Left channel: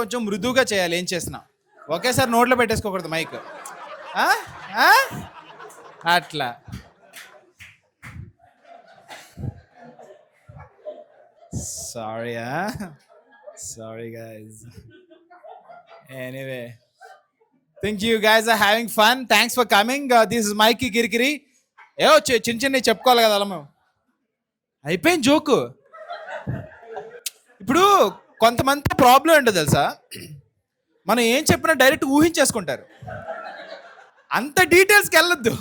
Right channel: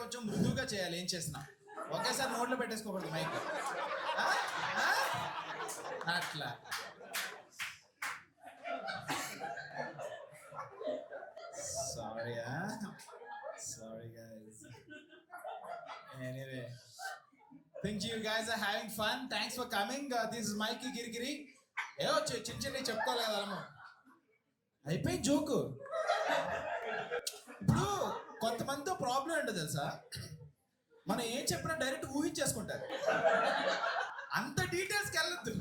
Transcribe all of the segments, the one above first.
కొంచెం మృదువుగా చేయాలి ఏం చేసినా. ఒకేసారి నోట్లో పెట్టేసుకోకూడదు మైక్. అట్లా. Sorry guys. Anyway, think you guys are having fun. Thanks for coming. This is మైకి కిరికిరి. ఏవో చిన్న చిన్నవి చెప్పుకోవాలి కదా అలా. అయిపోయింది జోకు. ఇప్పుడు కొంతమంది ప్రాబ్లం ఏంటో తెలుసా, మనం ఏం చెప్పినా డైరెక్ట్ ఊహించేసుకుంటారు. అంత డీటెయిల్స్కి వెళ్ళొద్దు.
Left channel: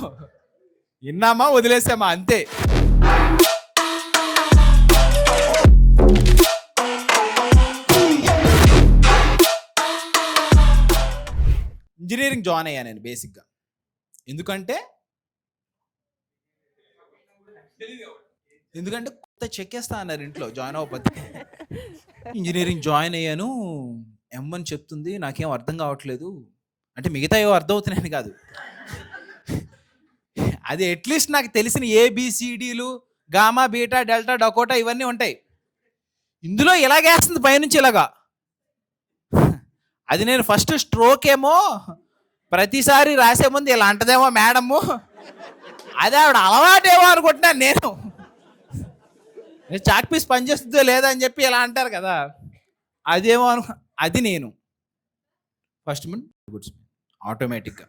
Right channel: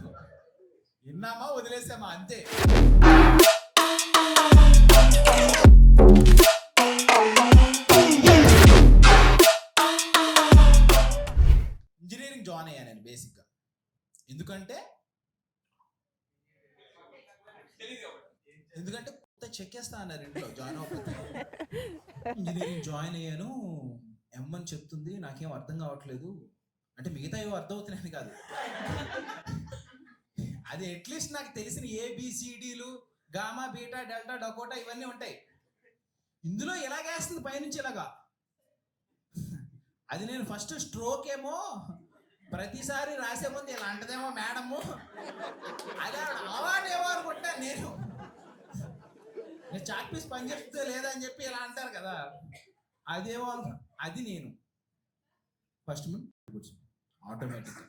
విన్నామా వదిలేసామా అంతే. ఇంజనీరింగ్ జాయిన్ అయ్యా నేను బేసిక్గా. ఎందుకంటే కొత్త చెక్కేస్తా అన్నారు ఇంట్లో జాయిన్ అవ్వకపోతే. ఇంజనీరింగ్ జాయిన్ అయ్యాను, M1 చెప్తుంది, నాకేం అర్థం కావట్లేదు. అంటే మిగతా ఏవో అర్థం అవుతున్నాయని కాదు, అది అట్లీస్ట్ నాకు తెలిసిన ABCDలు గామా బీటా డెల్టా డకోటా ఇవన్నీ ఉంటాయి. ఇందులో ఇలాగేస్తుంది పైనుంచి ఇలాగా. అది నేను ఫస్ట్ స్ట్రోక్ ఏమో ప్రతిసారి రాసే ముందు ఇలా అంటదేమో మేడము, అదే ఆవిడ అలవాటేమో అనుకుంటున్నాను నేను. చాక్ పీస్ పనిచేస్తుందో లేదా అని చెప్పి ఇలా అంటారు కదా, అదేమో అది నేను ఫస్ట్ గుడ్స్ ఆటోమేటిక్గా.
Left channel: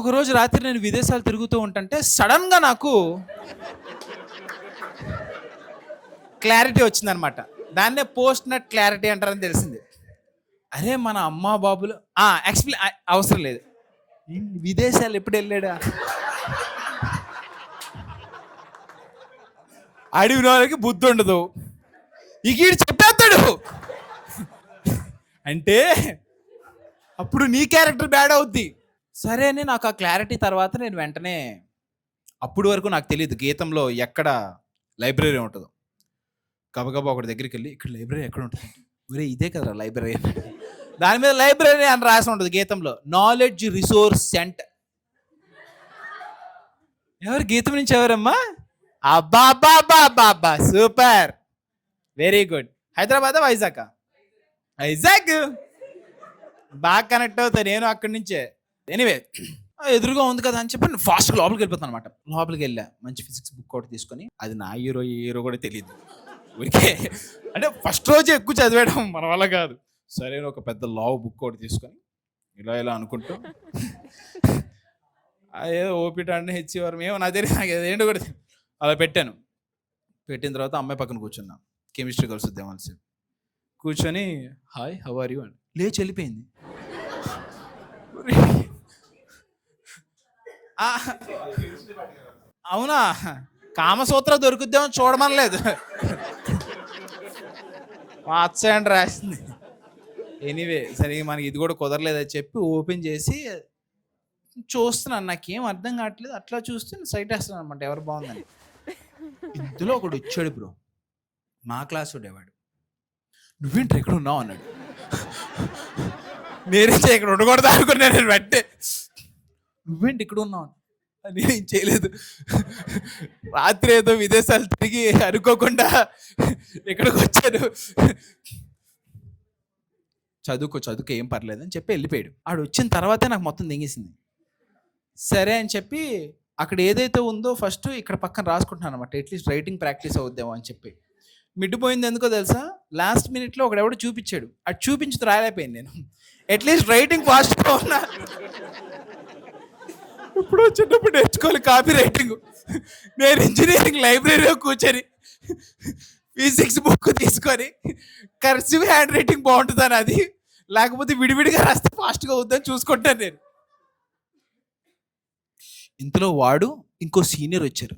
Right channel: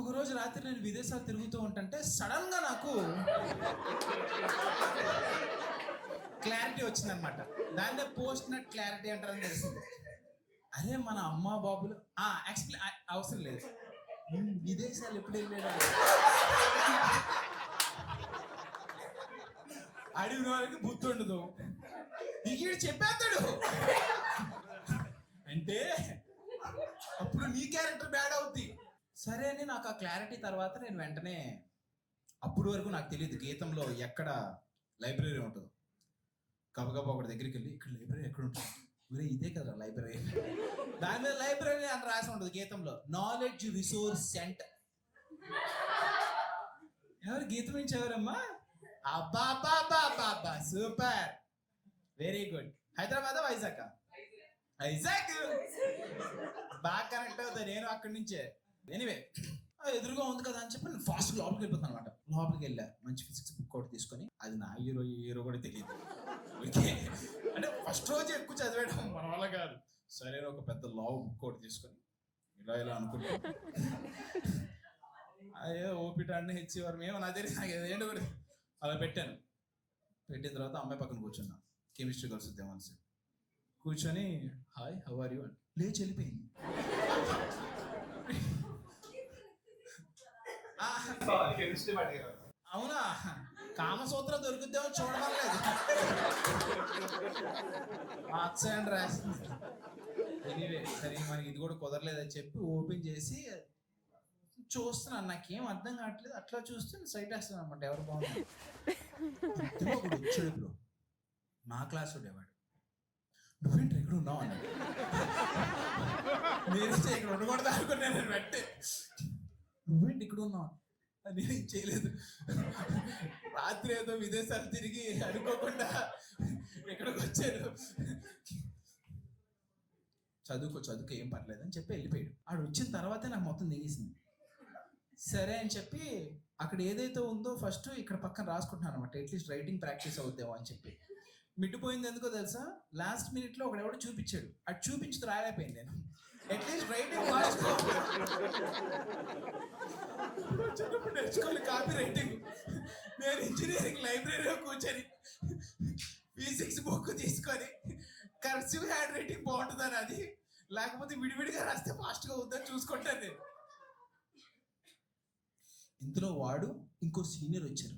ఒకరోజు రాత్రి నేను విదేశాలు తిరుగుతూ ఉంటుంటే సడన్గా నాకు క్లారిటీ వచ్చిందనమాట. దాన్నే పోస్ట్ నట్ క్లారిటీ అంటారని తెలిసింది. అరే మన అమ్మా బాబులు ఎక్స్ప్లెయిన్ అవసరం లేదు, విదేశాలు ఎప్పుడు వెళ్ళాడా అడిగిన వాళ్ళకి బుద్ధి ఉండదు, ఈడు చెప్పేస్తాడు అంటే అప్పుడు నీ క్యారెక్టర్ బ్యాడ్ అవుద్ది. సరే అని నాకు ఆ క్లారిటీ తర్వాత నేను వెంటనే, అప్పుడు వరకు నాకు తెలియదు గీతంలో ఎక్కడ లైబ్రరీ ఉంటుందో. గబగబా ఒకటి దగ్గరికి వెళ్ళి, ఇక్కడ లైబ్రరీ ఎక్కడ ఉంటుంది, ఒరే ఇదే కదా లైబ్రరీ. దాని మీద లైబ్రరీ అని రాసి ఉంటుంది గీతంలో, నాలెడ్జ్ రిసోర్స్ సెంటర్. ఎవరు గీతం నుంచి ఎవరమ్మా? అబ్బా అబ్బా అబ్బా అబ్బా అబ్బా, super, very good. Hyderabad Vizag? Vizag బాగా కనెక్ట్ అవుతాను నేను అక్కడి నుంచే. ఎనీవే, ఎదురుగా ఉంది కదా అని చెప్పి ఫాస్ట్గా లోపలికి వెళ్ళిపోతాను అనమాట. లోపలికి వెళ్ళా, మంచి ఫిజిక్స్ బుక్ ఒకటి తీసుకొని, అది నా హీరో కూడా తెలియదు ఊరికే, అంటే ఫస్ట్ రోజే ఎక్కువ చదివేయడం మన వల్ల కాదు. సరే ఒక పెద్ద లావ్ బుక్ ఒకటి తీసుకొని ఇలా అనుకుంటూ, అదేదో ఓపిట అంటే హెచ్చేవారు మేము నా తెలియదు, నాకు ఏంటో కూడా అలా పెట్టాను. పెట్టిన తర్వాత అమ్మాయి పక్కన కూర్చున్నా, కెమిస్ట్రీ కలుసుద్దాం అని కూర్చొని, హాయ్ హౌ ఆర్ యూ అని లేచి వెళ్ళిపోయింది. అవునా, కామసూత్ర దొరుకుద్దామని చూడమనలేదు, మార్చండి రాసింది. ఎనీవే, సరే మనకి ఇది కూడా కుదరలేదని చెప్పి ఓపెన్ చేసి చూస్తున్నాను, నాకేం అర్థం కావట్లేదు. అట్లా చూస్తే సైట్ వేస్తున్నాను అనమాట, ఎవరు బాగుందని. ఇందులో ఒకడు వచ్చాడు బ్రో, మా క్లాస్ వాడు. నువ్వేంటి ఎక్కడ ఉన్నావు అన్నాడు. నేనే ఇక్కడ ఉండకూడదు అనుకున్నా నేను. వెంటే నువ్వేంటి ఇక్కడ ఉన్నావు, నేనేం చేయలేదు, రాత్రి ఏదో విదేశాలు తిరిగి అనుకోకుండా ఇక్కడికి వచ్చాను, చదువుకో ఏం పర్లేదు అని చెప్పి వెళ్ళిపోయాడు. ఆడు వచ్చిన తర్వాతే నాకు మొత్తం దింగేసింది. సరే అని చెప్పి అక్కడ ఏదైతే ఉందో ఫస్ట్ ఇక్కడ పక్కన రాసుకుంటున్నాను అనమాట, అట్లీస్ట్ రైటింగ్ ప్రాక్టీస్ అవుద్దామో అని చెప్పి. మిడ్డిపోయింది ఎందుకో తెలుసా, లాస్ట్ మినిట్లో ఒకడెవడో చూపించాడు, అది చూపించి రాలేకపోయింది నేను. అట్లీస్ట్ రైటింగ్ ఫాస్ట్గా ఉన్నా. ఇప్పుడు చిన్నప్పుడు నేర్చుకోవాలి కాపీ రైటింగ్. నేను ఇంజనీరింగ్ లైబ్రరీలో కూర్చొని ఫిజిక్స్ బుక్ తీసుకొని కర్సివ్ హ్యాండ్ రైటింగ్ బాగుంటుందని, అది లేకపోతే విడివిడిగా రాస్తే ఫాస్ట్గా అవుతుందని చూసుకుంటాను నేను. ఇంతలో వాడు ఇంకో సీనియర్ వచ్చారు.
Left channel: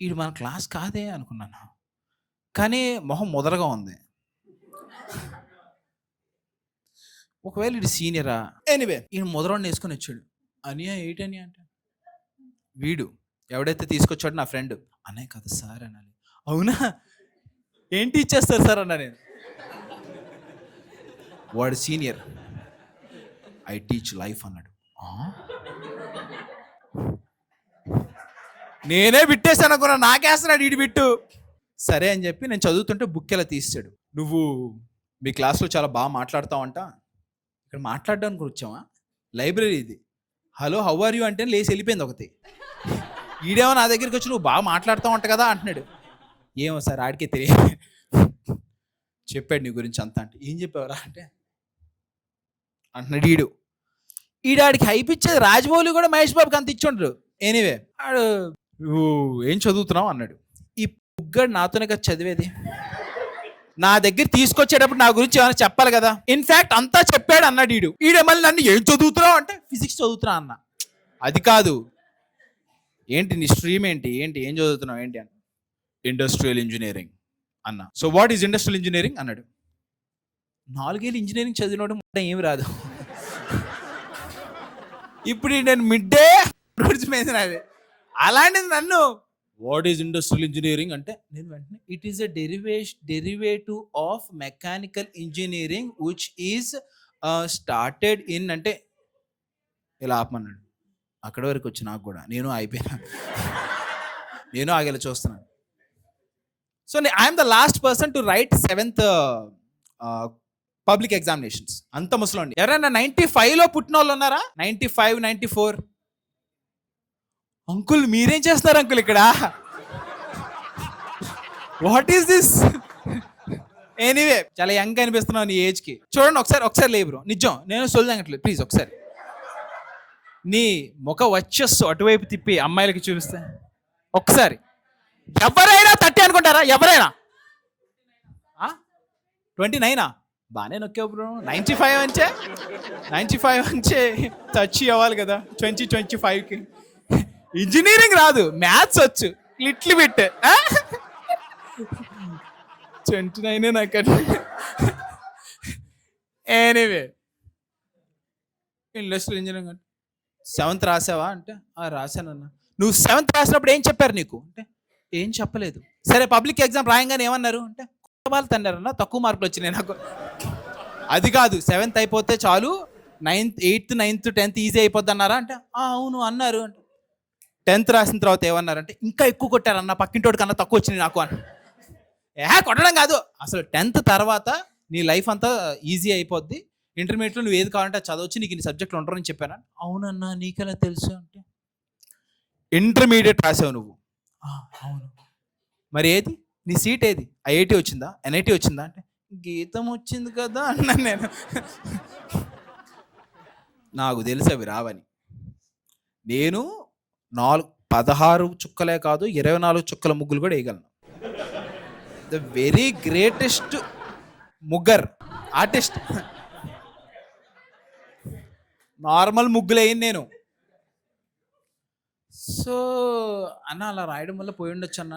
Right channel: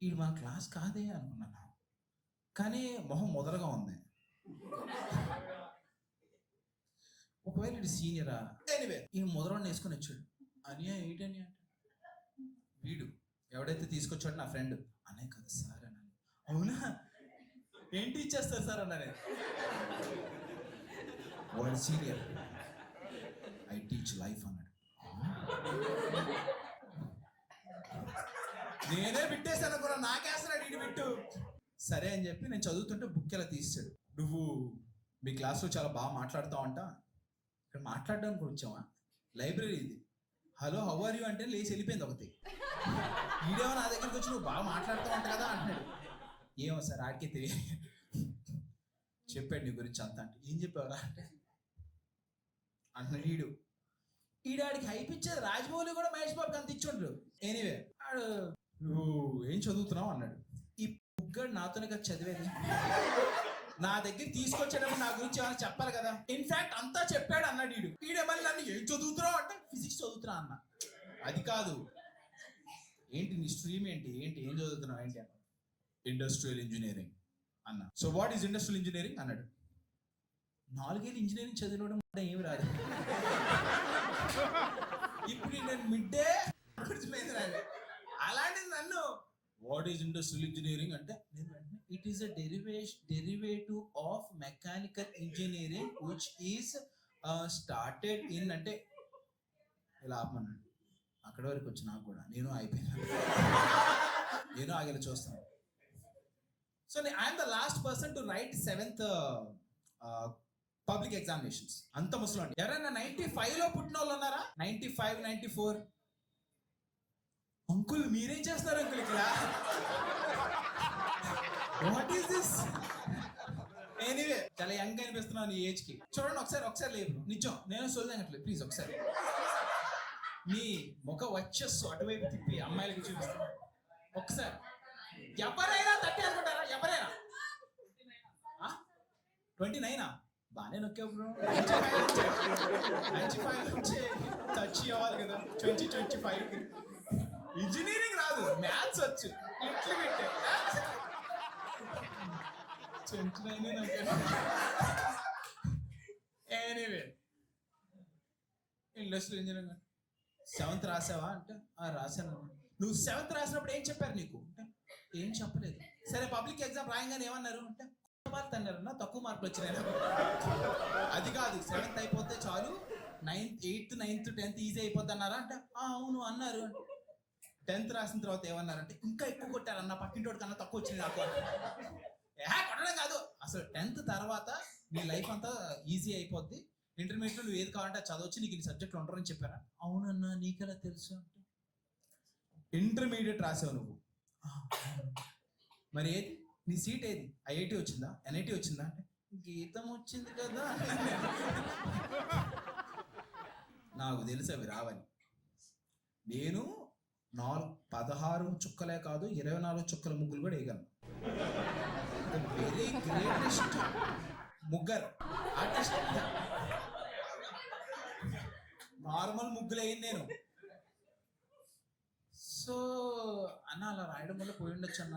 వీడు మన క్లాస్ కాదే అనుకున్నాను, కానీ మొహం మొదలుగా ఉంది. ఒకవేళ వీడు సీనియరా? ఎనీవే, ఈయన మొదలవాడిని వేసుకొని వచ్చాడు. అనియా ఏంటని అంటే, వీడు ఎవడైతే తీసుకొచ్చాడు నా ఫ్రెండ్, అనే కదా సార్ అనాలి. అవునా, ఏంటి ఇచ్చేస్తారు సార్ అన్నా నేను. వాడు సీనియర్, ఐ టీచ్ లైఫ్ అన్నాడు. నేనే బిట్టేసాను అనుకున్నా, నాకేస్తున్నాడు వీడి బిట్టు. సరే అని చెప్పి నేను చదువుతుంటే బుక్ ఇలా తీసాడు. నువ్వు మీ క్లాస్లో చాలా బాగా మాట్లాడతావంట. ఇక్కడ మాట్లాడడానికి వచ్చావా? లైబ్రరీ ఇది. హలో హౌ ఆర్ యూ అంటే లేచి వెళ్ళిపోయింది ఒకటి. ఈడేమో నా దగ్గరికి వచ్చి నువ్వు బాగా మాట్లాడతావంట కదా అంటున్నాడు. ఏమో సార్ ఆడికే తెలియదు. చెప్పాడు నీ గురించి అంతా. అంటే ఏం చెప్పావురా అంటే అంటున్నాడు ఈడాడికి హైప్ ఇచ్చేది రాజమౌళి కూడా మహేష్ బాబుకి అంత ఇచ్చుండ్రు. ఎనీవే ఆడు నువ్వు ఏం చదువుతున్నావు అన్నాడు. ఈ పుగ్గడు నాతోనే కదా చదివేది. నా దగ్గర తీసుకొచ్చేటప్పుడు నా గురించి ఏమైనా చెప్పాలి కదా. ఇన్ఫాక్ట్ అంతా చెప్పాడు అన్నాడు ఈడే మళ్ళీ నన్ను ఏం చదువుతున్నావు అంటే ఫిజిక్స్ చదువుతున్నా అన్న. అది కాదు, ఏంటి నీ స్ట్రీమ్ ఏంటి ఏం చదువుతున్నావు ఏంటి అన్న. ఇండస్ట్రియల్ ఇంజనీరింగ్ అన్న. So what is industrial engineering అన్నాడు. 4 ఏళ్ళు ఇంజనీరింగ్ చదివినోడు ఏమి రాదు. ఇప్పుడు నేను మిడ్డే మీద అలాంటిది నన్ను వాట్ ఈజ్ ఇండస్ట్రియల్ ఇంజనీరింగ్ అంటే నేను వెంటనే it is a derivative of mechanical engineering which is started in అంటే ఇలా ఆపమన్నాడు. అక్కడి వరకు వచ్చి నాకు కూడా నేను అయిపోయినా. నేను ఆగేలా చూస్తున్నాను. So I'm the last person to right 7th public examinations. అంత ముసలోండి. ఎవరైనా 95లో పుట్టిన వాళ్ళు ఉన్నారా? 95, 94. అంకుల్ మీరేం చేస్తున్నారు అంకుల్ ఇక్కడ? What is this? ఎనీవే చాలా యంగ్ అనిపిస్తున్నావు నీ ఏజ్కి. చూడండి ఒకసారి లేబ్రో, నిజం నేను సొల్లంగట్లేదు, ప్లీజ్ ఒకసారి నీ ముఖ వచ్చేస్తు అటువైపు తిప్పి అమ్మాయిలకి చూపిస్తే ఒక్కసారి. ఎవరైనా 30 అనుకుంటారా? ఎవరైనా 29 బాగానే నొక్కావు బ్రో. 95 అంచే టచ్ అవ్వాలి కదా 2025కి. ఇంజనీరింగ్ రాదు, మ్యాథ్స్ వచ్చు లిటిల్ బిట్. 29 నాకు. ఎనీవే ఇండస్ట్రియల్ ఇంజనీరింగ్ అంటే 7th రాసావా అంటే రాశానన్నా. నువ్వు 7th రాసినప్పుడు ఏం చెప్పారు నీకు అంటే ఏం చెప్పలేదు. సరే పబ్లిక్ ఎగ్జామ్ రాయంగానే ఏమన్నారు అంటే వాళ్ళు తన్నారన్నా, తక్కువ మార్కులు వచ్చినాయి నాకు. అది కాదు 7th అయిపోతే చాలు 9th 8th 9th 10th easy అయిపోద్ది అన్నారా అంటే అవును అన్నారు. అంటే 10th రాసిన తర్వాత ఏమన్నారంటే ఇంకా ఎక్కువ కొట్టారన్న, పక్కింటోడి కన్నా తక్కువ వచ్చినాయి నాకు అని. కొట్టడం కాదు, అసలు 10th తర్వాత నీ లైఫ్ అంతా ఈజీ అయిపోద్ది. ఇంటర్మీడియట్లో నువ్వు ఏది కావాలంటే చదవచ్చు, నీకు ఇన్ని సబ్జెక్టులు ఉంటారని చెప్పాను. అవునన్నా నీకెలా తెలుసు అంటే ఇంటర్మీడియట్ రాసావు నువ్వు. అవును మరి ఏది నీ సీట్ ఏది? ఐఐటి వచ్చిందా, ఎన్ఐటి వచ్చిందా అంటే గీతం వచ్చింది కదా అన్నాను నేను. నాకు తెలుసు అవి రావని. నేను 16 చుక్కలే కాదు 24 చుక్కల ముగ్గులు కూడా వేయగలను. ద వెరీ గ్రేటెస్ట్ ముగ్గర్ ఆర్టిస్ట్. నార్మల్ ముగ్గులు వేయను నేను. సో అన్న అలా రాయడం వల్ల పోయి ఉండొచ్చు అన్న.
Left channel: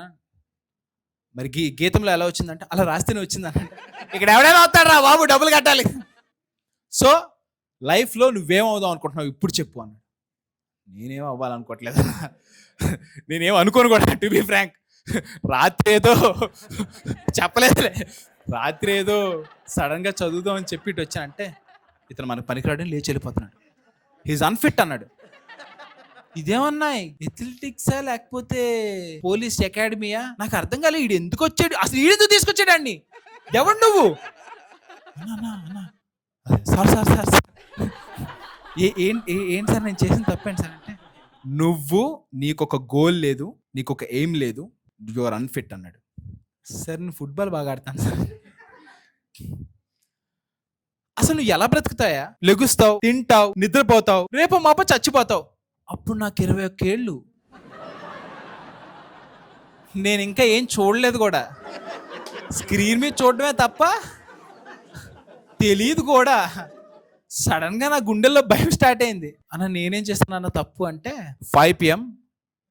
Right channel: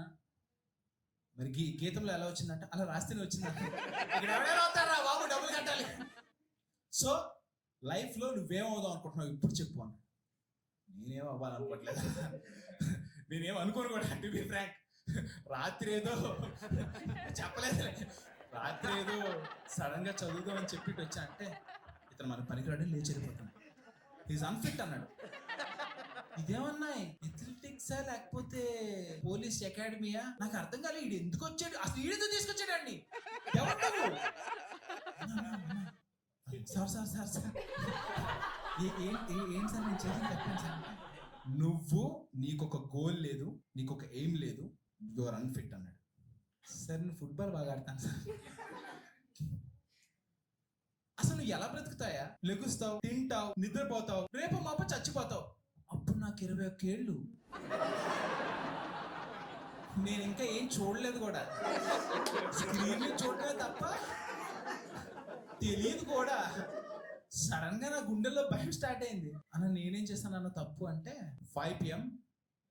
మరి గీతంలో ఎలా వచ్చిందంటే అలా రాస్తేనే వచ్చింది అన్న. ఇక్కడ ఎవడైనా అవుతాడు రా బాబు, డబ్బులు కట్టాలి. సో లైఫ్లో నువ్వేమవుదాం అనుకుంటున్నావు ఇప్పుడు చెప్పు అన్నాడు. నేనేం అవ్వాలనుకోవట్లేదు, నేనేం అనుకోను కూడా టు బి ఫ్రాంక్. రాత్రి ఏదో చెప్పలేదులే, రాత్రి ఏదో సడన్గా చదువుదాం అని చెప్పిட்டு వచ్చానంటే ఇతను మనకు పనికిరాడని లేచి వెళ్ళిపోతున్నాడు. హీజ్ అన్ఫిట్ అన్నాడు. ఇదేమన్నా ఎథ్లెటిక్సా లేకపోతే పోలీస్ అకాడమీయా నాకు అర్థం కాలే. ఈడు ఎందుకు వచ్చాడు అసలు? ఈడెందుకు తీసుకొచ్చాడు అండి? ఎవడు నువ్వు? సార్ ఏంటి సార్ నేను చేసిన తప్పేంటి సార్ అంటే నీకొక గోల్ లేదు, నీకొక ఎయిమ్ లేదు, యు ఆర్ అన్ఫిట్ అన్నాడు. సార్ నేను ఫుట్బాల్ బాగా ఆడతాను సార్. అసలు నువ్వు ఎలా బ్రతుకుతాయా? లెగుస్తావు, తింటావు, నిద్రపోతావు, రేపు మాప చచ్చిపోతావు. అప్పుడు నాకు 21 ఏళ్ళు. నేను ఇంకా ఏం చూడలేదు కూడా, స్క్రీన్ మీద చూడడమే తప్ప తెలియదు కూడా. సడన్ గా నా గుండెల్లో భయం స్టార్ట్ అయింది. అన్న నేనేం చేస్తానన్న తప్పు అంటే 5 PM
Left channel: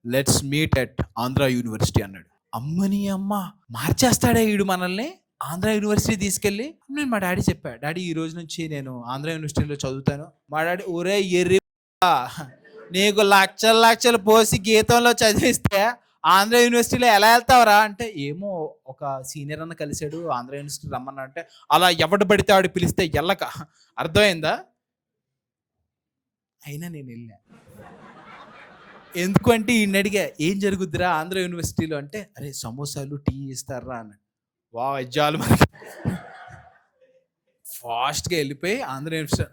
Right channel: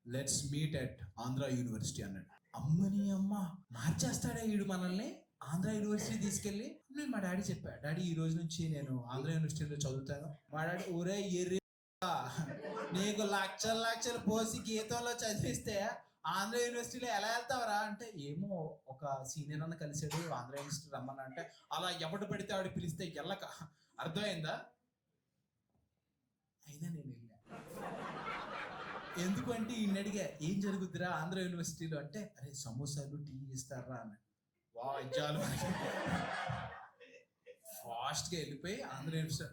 let's meet at Andhra university అన్నాడు. అమ్మని అమ్మ మార్చేస్తాడే వీడు మనల్ని. ఆంధ్ర యూనివర్సిటీ తీసుకెళ్ళి నేను మా డాడీ చెప్పా, డాడీ ఈ రోజు నుంచి నేను ఆంధ్ర యూనివర్సిటీలో చదువుతాను. మా డాడీ ఒరే ఎర్రి నీకు లక్షలు పోసి గీతంలో చదివిస్తే ఆంధ్ర యూనివర్సిటీలో ఎలా వెళ్తావరా అంటే ఏమో ఒక సీనియర్ అన్న కలిసాడు ఆంధ్ర యూనివర్సిటీ రమ్మన్నా అంటే అలా ఎవడు పడితే ఆడు పిలిస్తే వెళ్ళక. అర్థమైందా? అయినా నేను ఎందుకంటే ఈయన అడిగా ఏం జరుగుద్దిరా ఆంధ్ర యూనివర్సిటీలో అంటే, అరే సమోసాలు టీ ఇస్తారా అన్నాడు. వజ్జాలు మనకి ఫాస్ట్గా వెళ్ళిపోయి ఆంధ్ర యూనివర్సిటీ.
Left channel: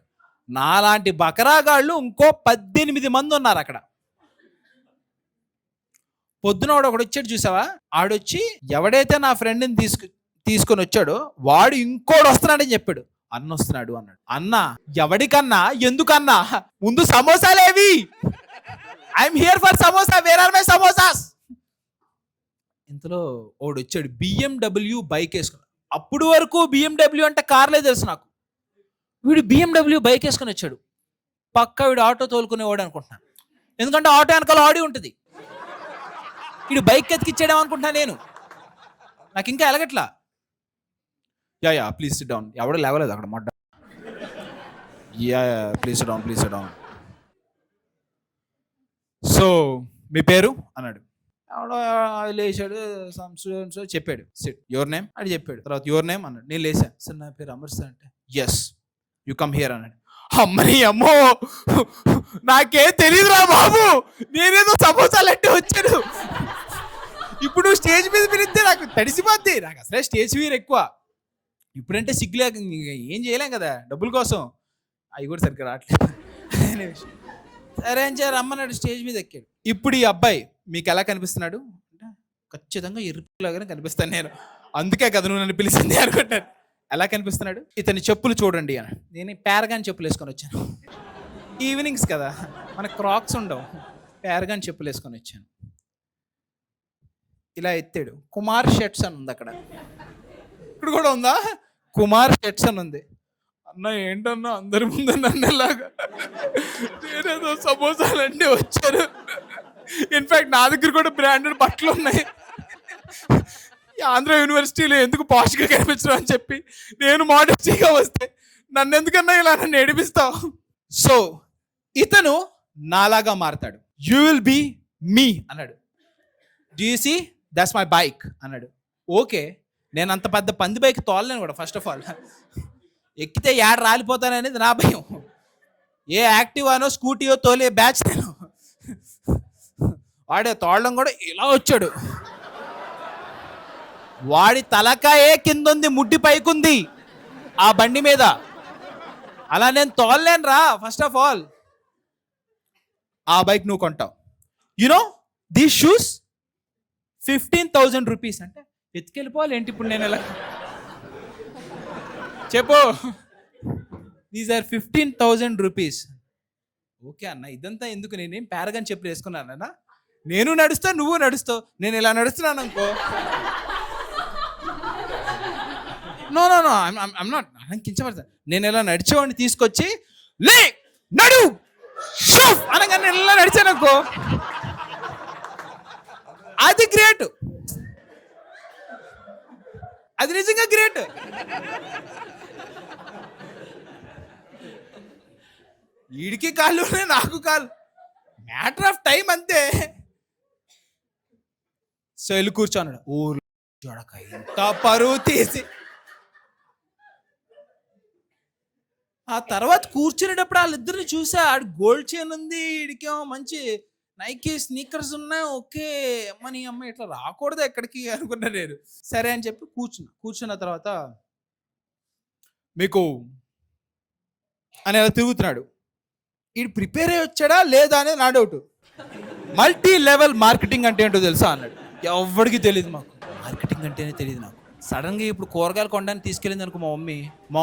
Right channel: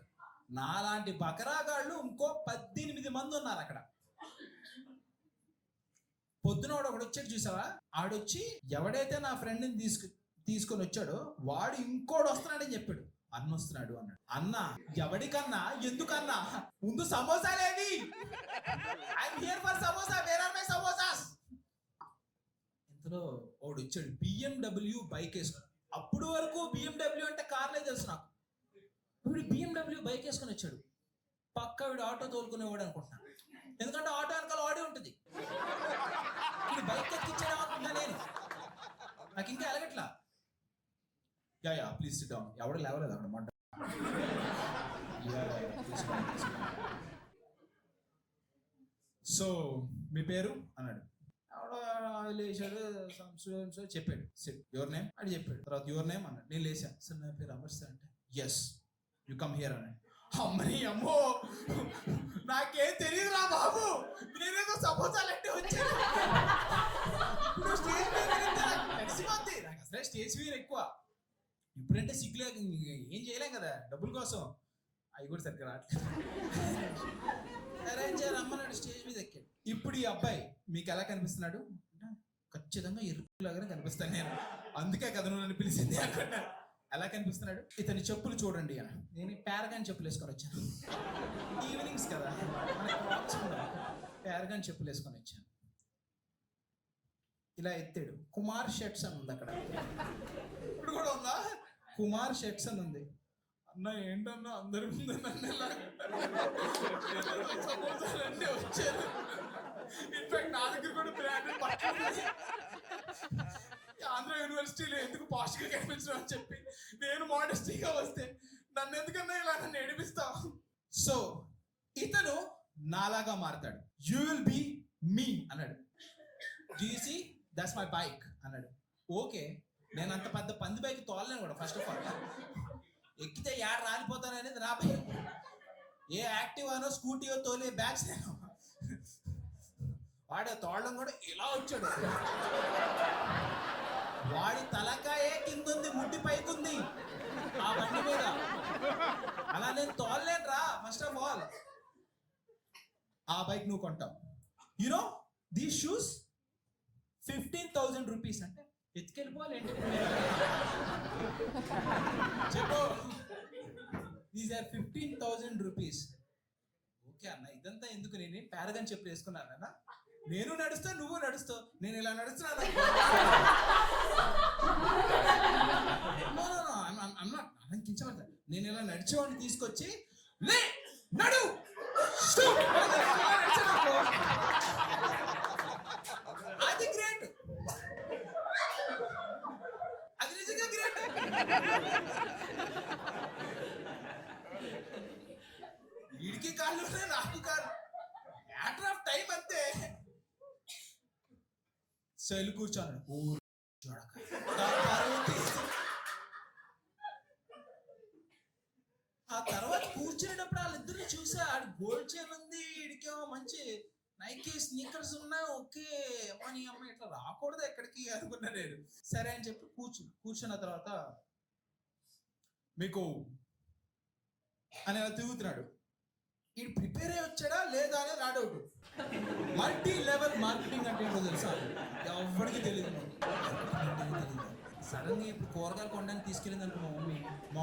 నాలాంటి బకరాగాళ్ళు ఇంకో 18 మంది ఉన్నారు అక్కడ. పొద్దున ఒకడు వచ్చాడు చూసావా, ఆడొచ్చి ఎవడైతే నా ఫ్రెండ్ని తీసుకొని వచ్చాడో వాడు ఇంకోడు వస్తున్నాడని చెప్పాడు. అన్న వస్తున్నాడు అన్నాడు. అన్న ఎవడికన్నా, ఎందుకన్నా, ముందు సమోసాలేవి, I'm here for samosa, where are my samosas. ఇంతలో ఓడు వచ్చాడు BMW బైక్ వేసుకుని. అప్పుడు వరకు BMW అంటే కార్లే తెలుసు నాకు. వీడు BMW బైక్ వేసుకొని వచ్చాడు. పక్క వీడు ఆటో తోలుకునేవాడు అనుకుంటున్నాను, ఎందుకంటే ఆటో వెనకాల ఆడి ఉంటుంది. వీడు బైక్ ఎత్తికిచ్చాడేమో అనుకుంటున్నా నేను, నాకు ఇంకా ఎలగట్లా. Yeah please sit down. ఎవడో లేవలేదు అక్కడ మొట్ట. Yeah please sit down, please sit down. So మీ పేరు అన్నాడు. ఎవడో లేచాడు, చెప్పాడు సిట్, యువర్ నేమ్ అని చెప్పాడు. తర్వాత యువర్ నేమ్ అన్నాడు. నేను లేచా, సార్ నా పేరు అమర్ సార్ అంటే, ఎస్ యు కమ్ హియర్ అన్నాడు. అమ్మని అమ్మో, నాకేం తెలియదురా బాబు, నేనేదో సమోసాలు అంటే వచ్చాను. ఇప్పుడు స్టేజ్ మీద పిలిస్తే నాకు తడిసిపోద్ది, నాకు అసలే స్టేజ్ ఫియర్ ఎక్కువ. ఇప్పుడంటే సిగ్గులే, ఏం చేయలేం కదా డబ్బుల కోసం. అవి కూడా సరిగ్గా రావట్లేదు. సరే ఏం చేయాలి, రమ్మన్నాడు, స్టేజ్ మీద ఎక్కాడు. ఇప్పుడు ఈ అబ్బాయి మీకు ఎలా కనిపిస్తున్నాడు? ఖచ్చితంగా ఎరుపులాగానే కనిపిస్తాను నేను, అందుకే కదా నువ్వు నన్ను పిలిచింది అనుకుంటాను. ఎలా కనిపిస్తున్నాడు? ఇతని చెప్పులు చూడండి అని. నేను ప్యారగాన్ చెప్పులు వేసుకొని వచ్చాను. ఈవినింగ్స్ కదా, మనకు క్రాక్స్ ఉండవు, ప్యారగాన్ చెప్పులు వేసుకొని వచ్చాను. ఇలా ఎత్తాడు. కుమార్ షర్ట్స్ అని ఉంది అక్కడ. ఇప్పుడు కూడా ఉందా? కుమార్ షర్ట్స్ అని ఉంది. అన్న ఏంటన్నా అందరి ముందు నన్ను ఎలాగా, నేనేదో సమోసాలన్నీ వచ్చాను. ఇన్ఫాక్ట్ నా దగ్గర కూడా బ్రాండెడ్ బట్టలు ఉన్నాయి. ఆంధ్ర యూనివర్సిటీలో ఎందుకు పాష్గా కనిపించడం అని చెప్పి నేను మోడెస్టీగా వస్తే నన్ను ఎందుకన్నా ఇలా నన్ను ఏడిపిస్తావు. సో ఇతను నాలాగా మారతాడు. యూ విల్ బీ మీ అన్నాడు. Do you see that's my bike అన్నాడు. ఓకే, నేను అంత పెద్ద పంది బైక్ తోలలేను కూడా. ఫస్ట్ ఆఫ్ ఆల్ ఎక్కితే యాడ రాలిపోతాననేది నా భయం. ఏ యాక్టివానో స్కూటీయో తోలే బ్యాచ్ నేను. వాడే తోడడం కూడా ఇలా వచ్చాడు. వాడి తలకాయే కింద ఉంది, ముడ్డి పైకుంది ఆ బండి మీద. అలా నేను తోలలేను రా. ఫస్ట్ ఆఫ్ ఆల్ ఆ బైక్ నువ్వు కొంటావు. యునో దీస్ షూస్ 15,000 రూపీస్ అంటే ఎత్తుకెళ్ళిపోవాలి ఏంటి ఇప్పుడు నేను? ఎలా చెప్పు, దీస్ ఆర్ 15,000 రూపీస్. ఓకే అన్న, ఇదంతా ఎందుకు? నేనేం ప్యారగాన్ చెప్పులు వేసుకున్నానన్నా? నేను నడుస్తా, నువ్వు నడుస్తావు. నేను ఇలా నడుస్తున్నాను అనుకో, no no no I'm not కించపడతా. నేను ఇలా నడిచేవాడిని తీసుకొచ్చి లే నడు అనగా నేను ఇలా నడిచాను అనుకో, అది గ్రేట్, అది నిజంగా గ్రేట్. వీడికి కాళ్ళు నాకు కాళ్ళు, మ్యాటర్ ఆఫ్ టైం అంతే. సో వెళ్ళి కూర్చోన్నాడు. ఊరు చూడక ఇంత పరువు తీసి. ఆ తర్వాత కూర్చునేటప్పుడు వాళ్ళిద్దరిని చూసా. ఆడు గోల్డ్ చైన్ ఉంది, వీడికేమో మంచి నైకీ స్నీకర్స్ ఉన్నాయి. ఓకే అమ్మని అమ్మ ఇట్లా రాకూడదు ఎక్కడికి అనుకున్నా నేను. సరే అని చెప్పి కూర్చున్న తర్వాత మీకు అని అలా తిరుగుతున్నాడు. వీడు ప్రిపేర్ అయ్యి వచ్చాడా లేదా అనేది నా డౌట్. మల్టీ లెవెల్ మార్కెటింగ్ అంటే ఏంటో తెలుసా అన్నాడు. ఎవరికి తెలియదు, మాకు మార్కెటింగ్ అంటేనే తెలియదు నాకు. సడన్గా ఇప్పుడు కూరగాయలు కొనడానికి తీసుకెళ్ళింది అనుకో మా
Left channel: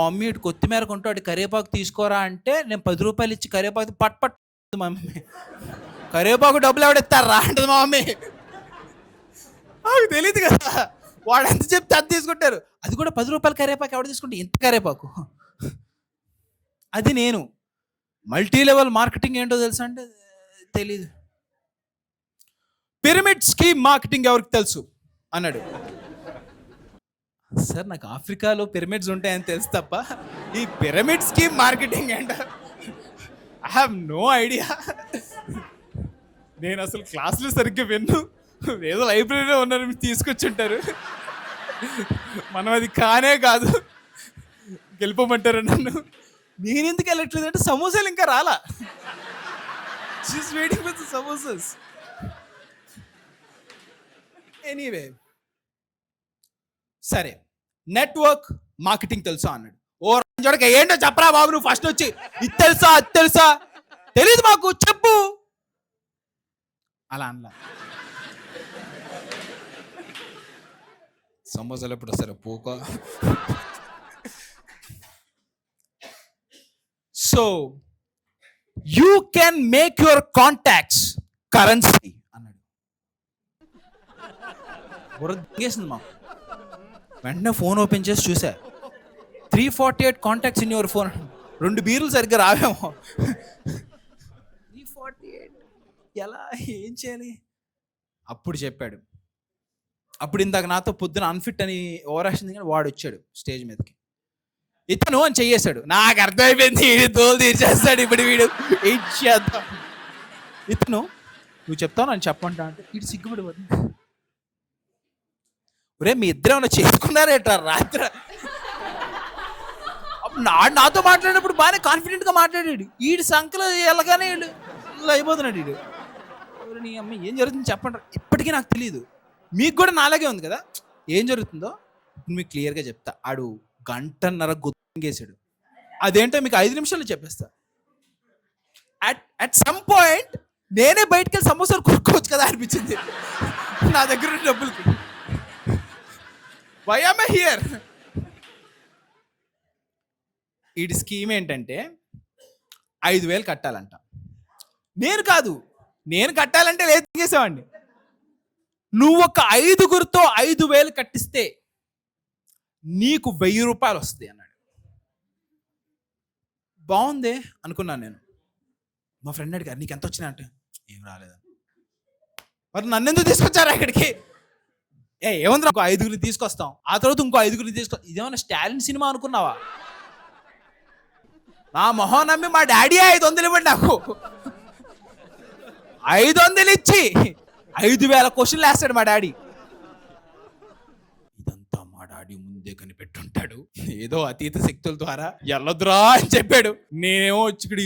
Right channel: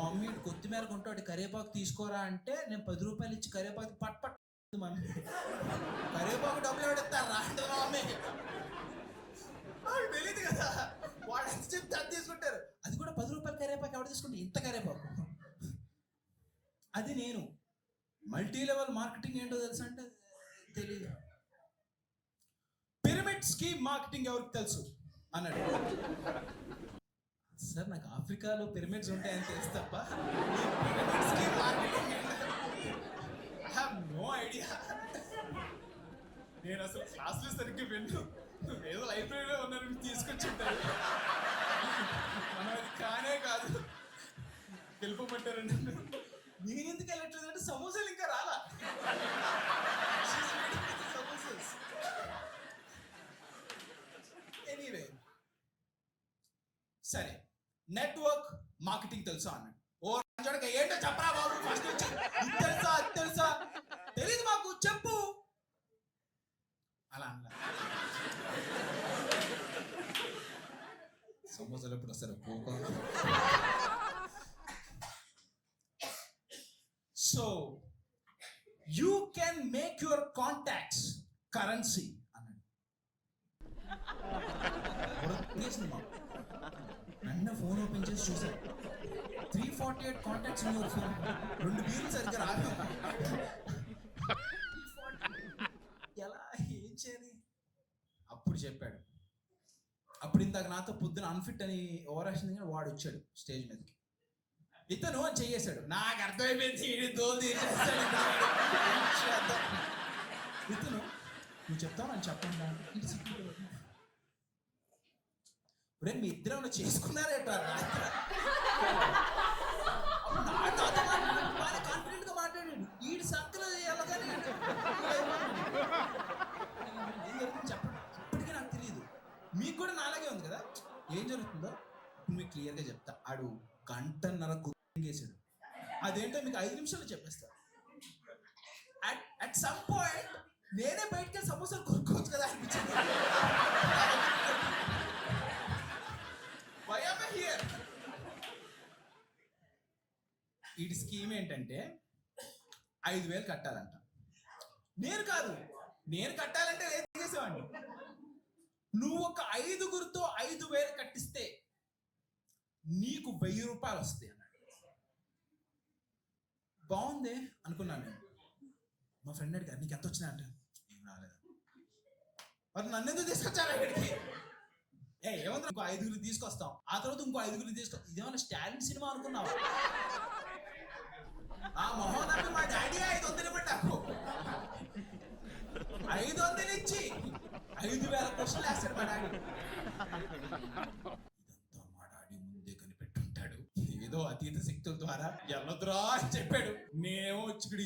మమ్మీ ఇటు కొత్తిమీర కొంటూ అటు కరివేపాకు తీసుకోరా అంటే నేను 10 రూపాయలు ఇచ్చి కరివేపాకు పట్ మా మమ్మీ. కరివేపాకు డబ్బులు ఎవడెత్తారా అంటుంది మా మమ్మీ. నాకు తెలియదు కదా, వాడు ఎంత చెప్తే అది తీసుకుంటారు. అది కూడా 10 రూపాయలు కరివేపాకు ఎవడు తీసుకుంటే ఇంత కరివేపాకు. అది నేను. మల్టీ లెవెల్ మార్కెటింగ్ ఏంటో తెలుసా అంటే తెలీదు. పిరమిడ్ స్కీమ్ మార్కెటింగ్ ఎవరికి తెలుసు అన్నాడు. సార్ నాకు ఆఫ్రికాలో పిరమిడ్స్ ఉంటాయని తెలుసు తప్ప ఈ పిరమిడ్ స్కీమ్ మార్కెటింగ్ ఏంట, ఐ హ్యావ్ నో ఐడియా. నేను అసలు క్లాసులు సరిగ్గా విన్ను, ఏదో లైబ్రరీలో ఉన్నారు తీసుకొచ్చి ఉంటారు. మనం అది కానే కాదు, గెలిపమంటారు నన్ను. నేను ఎందుకు వెళ్ళట్లేదు అంటే సమోసాలు ఇంకా రాలా. She's waiting for the samosas. Anyway, సరే, నెట్వర్క్ మార్కెటింగ్ తెలుసా అన్నాడు. ఓ చూడక ఏంటో చెప్పరా బాబు, నువ్వు ఫస్ట్ వచ్చి ఇది తెలుసా అది తెలుసా, తెలీదు మాకు చెప్పు అలా అనలా. సమోసాలు ఎప్పుడు వస్తారు పూక. So you can make your contacts currency అన్నాడు. బుర్రగేసింది మాకు. వెంటనే ఫోన్ ఓపెన్ చేసి చూసా, 348 కాంటాక్ట్స్ ఇన్ యువర్ ఫోన్. 2 బీర్లు సరిగ్గా రావేమో. 348 ఎలా, ఏం చేయాలి? అప్పుడు చెప్పాడు. అప్పుడు ఇందాక నాతో పొద్దున అన్ఫిట్ అని ఓవరాక్షన్ కానీ వాడు వచ్చాడు స్టేజ్ మీదకి. ఇతను అని చెయ్యేశాడు. నాకు అర్థమైపోయింది, వీడు తోలు తీర్చేస్తాడు ఇప్పుడు వీడు. ఇచ్చేద్దాం. ఇతను నువ్వు చెప్తావు నన్ను చెప్పంటా అంటే వీడు సిగ్గుపడిపోతుంది. ఒరే మీ ఇద్దరు ఏమన్నా చేసుకున్నారేట రాత్రి? నాతో మాట్లాడినప్పుడు బాగానే కాన్ఫిడెంట్గా మాట్లాడాడు. వీడి సంఖ్యలో వెళ్ళగానే ఇలా అయిపోతున్నాడు వీడు. నీ అమ్మ ఏం జరుగుతుంది చెప్పండి. ఇప్పటికీ నాకు తెలియదు. మీకు కూడా నాలాగే ఉంది కదా. ఏం జరుగుతుందో మీకు క్లియర్గా చెప్తా. ఆడు 1.5 గంట గుర్తింగేశాడు. అదేంటో మీకు 5 నిమిషాలు చెప్పేస్తా. అట్ సమ్ పాయింట్ నేనే బయటకు వెళ్ళి సమోసాలు కొనుక్కోవచ్చు కదా అనిపించింది నా దగ్గర ఉన్న డబ్బులకి. Why am I here? వీడి స్కీమ్ ఏంటంటే 5,000 కట్టాలంట. నేను కాదు, నేను కట్టాలంటే లేదు చేసేవాడిని. నువ్వు ఒక 5గురితో 5,000 కట్టిస్తే నీకు 1,000 రూపాయలు వస్తాయి అన్నాడు. బాగుందే అనుకున్నాను నేను. మా ఫ్రెండ్ అడిగారు నీకు ఎంత వచ్చినాయి అంటే ఏం రాలేదని. మరి నన్ను ఎందుకు తీసుకొచ్చారా ఇక్కడికి? ఏముంది, ఇంకో 5గురిని తీసుకొస్తాం, ఆ తర్వాత ఇంకో 5గురిని ఇదేమన్నా స్టాలిన్ సినిమా అనుకున్నావా? నా మొహం నమ్మి మా డాడీ 500 ఇవ్వండి నాకు. 500 ఇచ్చి 5,000 క్వశ్చన్లు వేస్తాడు మా డాడీ. ఇదంతా మా డాడీ ముందే కనిపెట్టుంటాడు. ఏదో అతీత శక్తుల ద్వారా ఎల్లొద్దురా అని చెప్పాడు. నేనేమో వచ్చి ఇక్కడ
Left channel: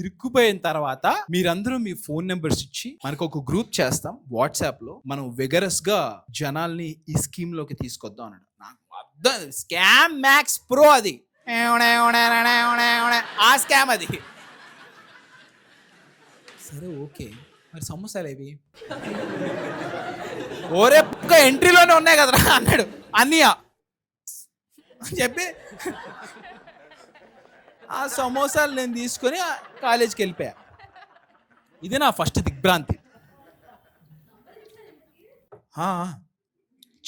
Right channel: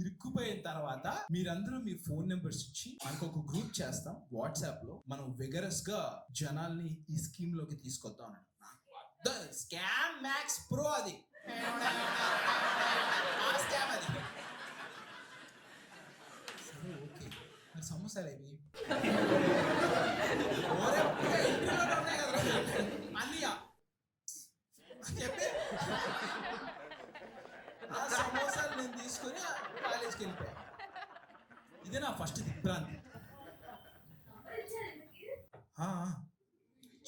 ఇరుక్కుపోయిన తర్వాత మీరందరూ మీ ఫోన్ నెంబర్స్ ఇచ్చి మనకు ఒక గ్రూప్ చేస్తాం వాట్సాప్ లో, మనం విగరస్ గా జనాల్ని ఈ స్కీమ్ లోకి తీసుకొద్దాం అన్నాడు. నాకు అర్థం స్కామ్ మ్యాక్స్ ప్రో అది. ఆ స్కామ్ అది. సరే ఓకే, మరి సమోసాలు ఏవి? ఓరే ఎంట్రీలోనే ఉన్నాయి కదరా అన్నాడు అన్నయ్య చెప్పి. ఆ సమోసాలు నేను తీసుకొని కాలేజీకి వెళ్ళిపోయా. ఇది నా ఫస్ట్ దిగ్భ్రాంతి.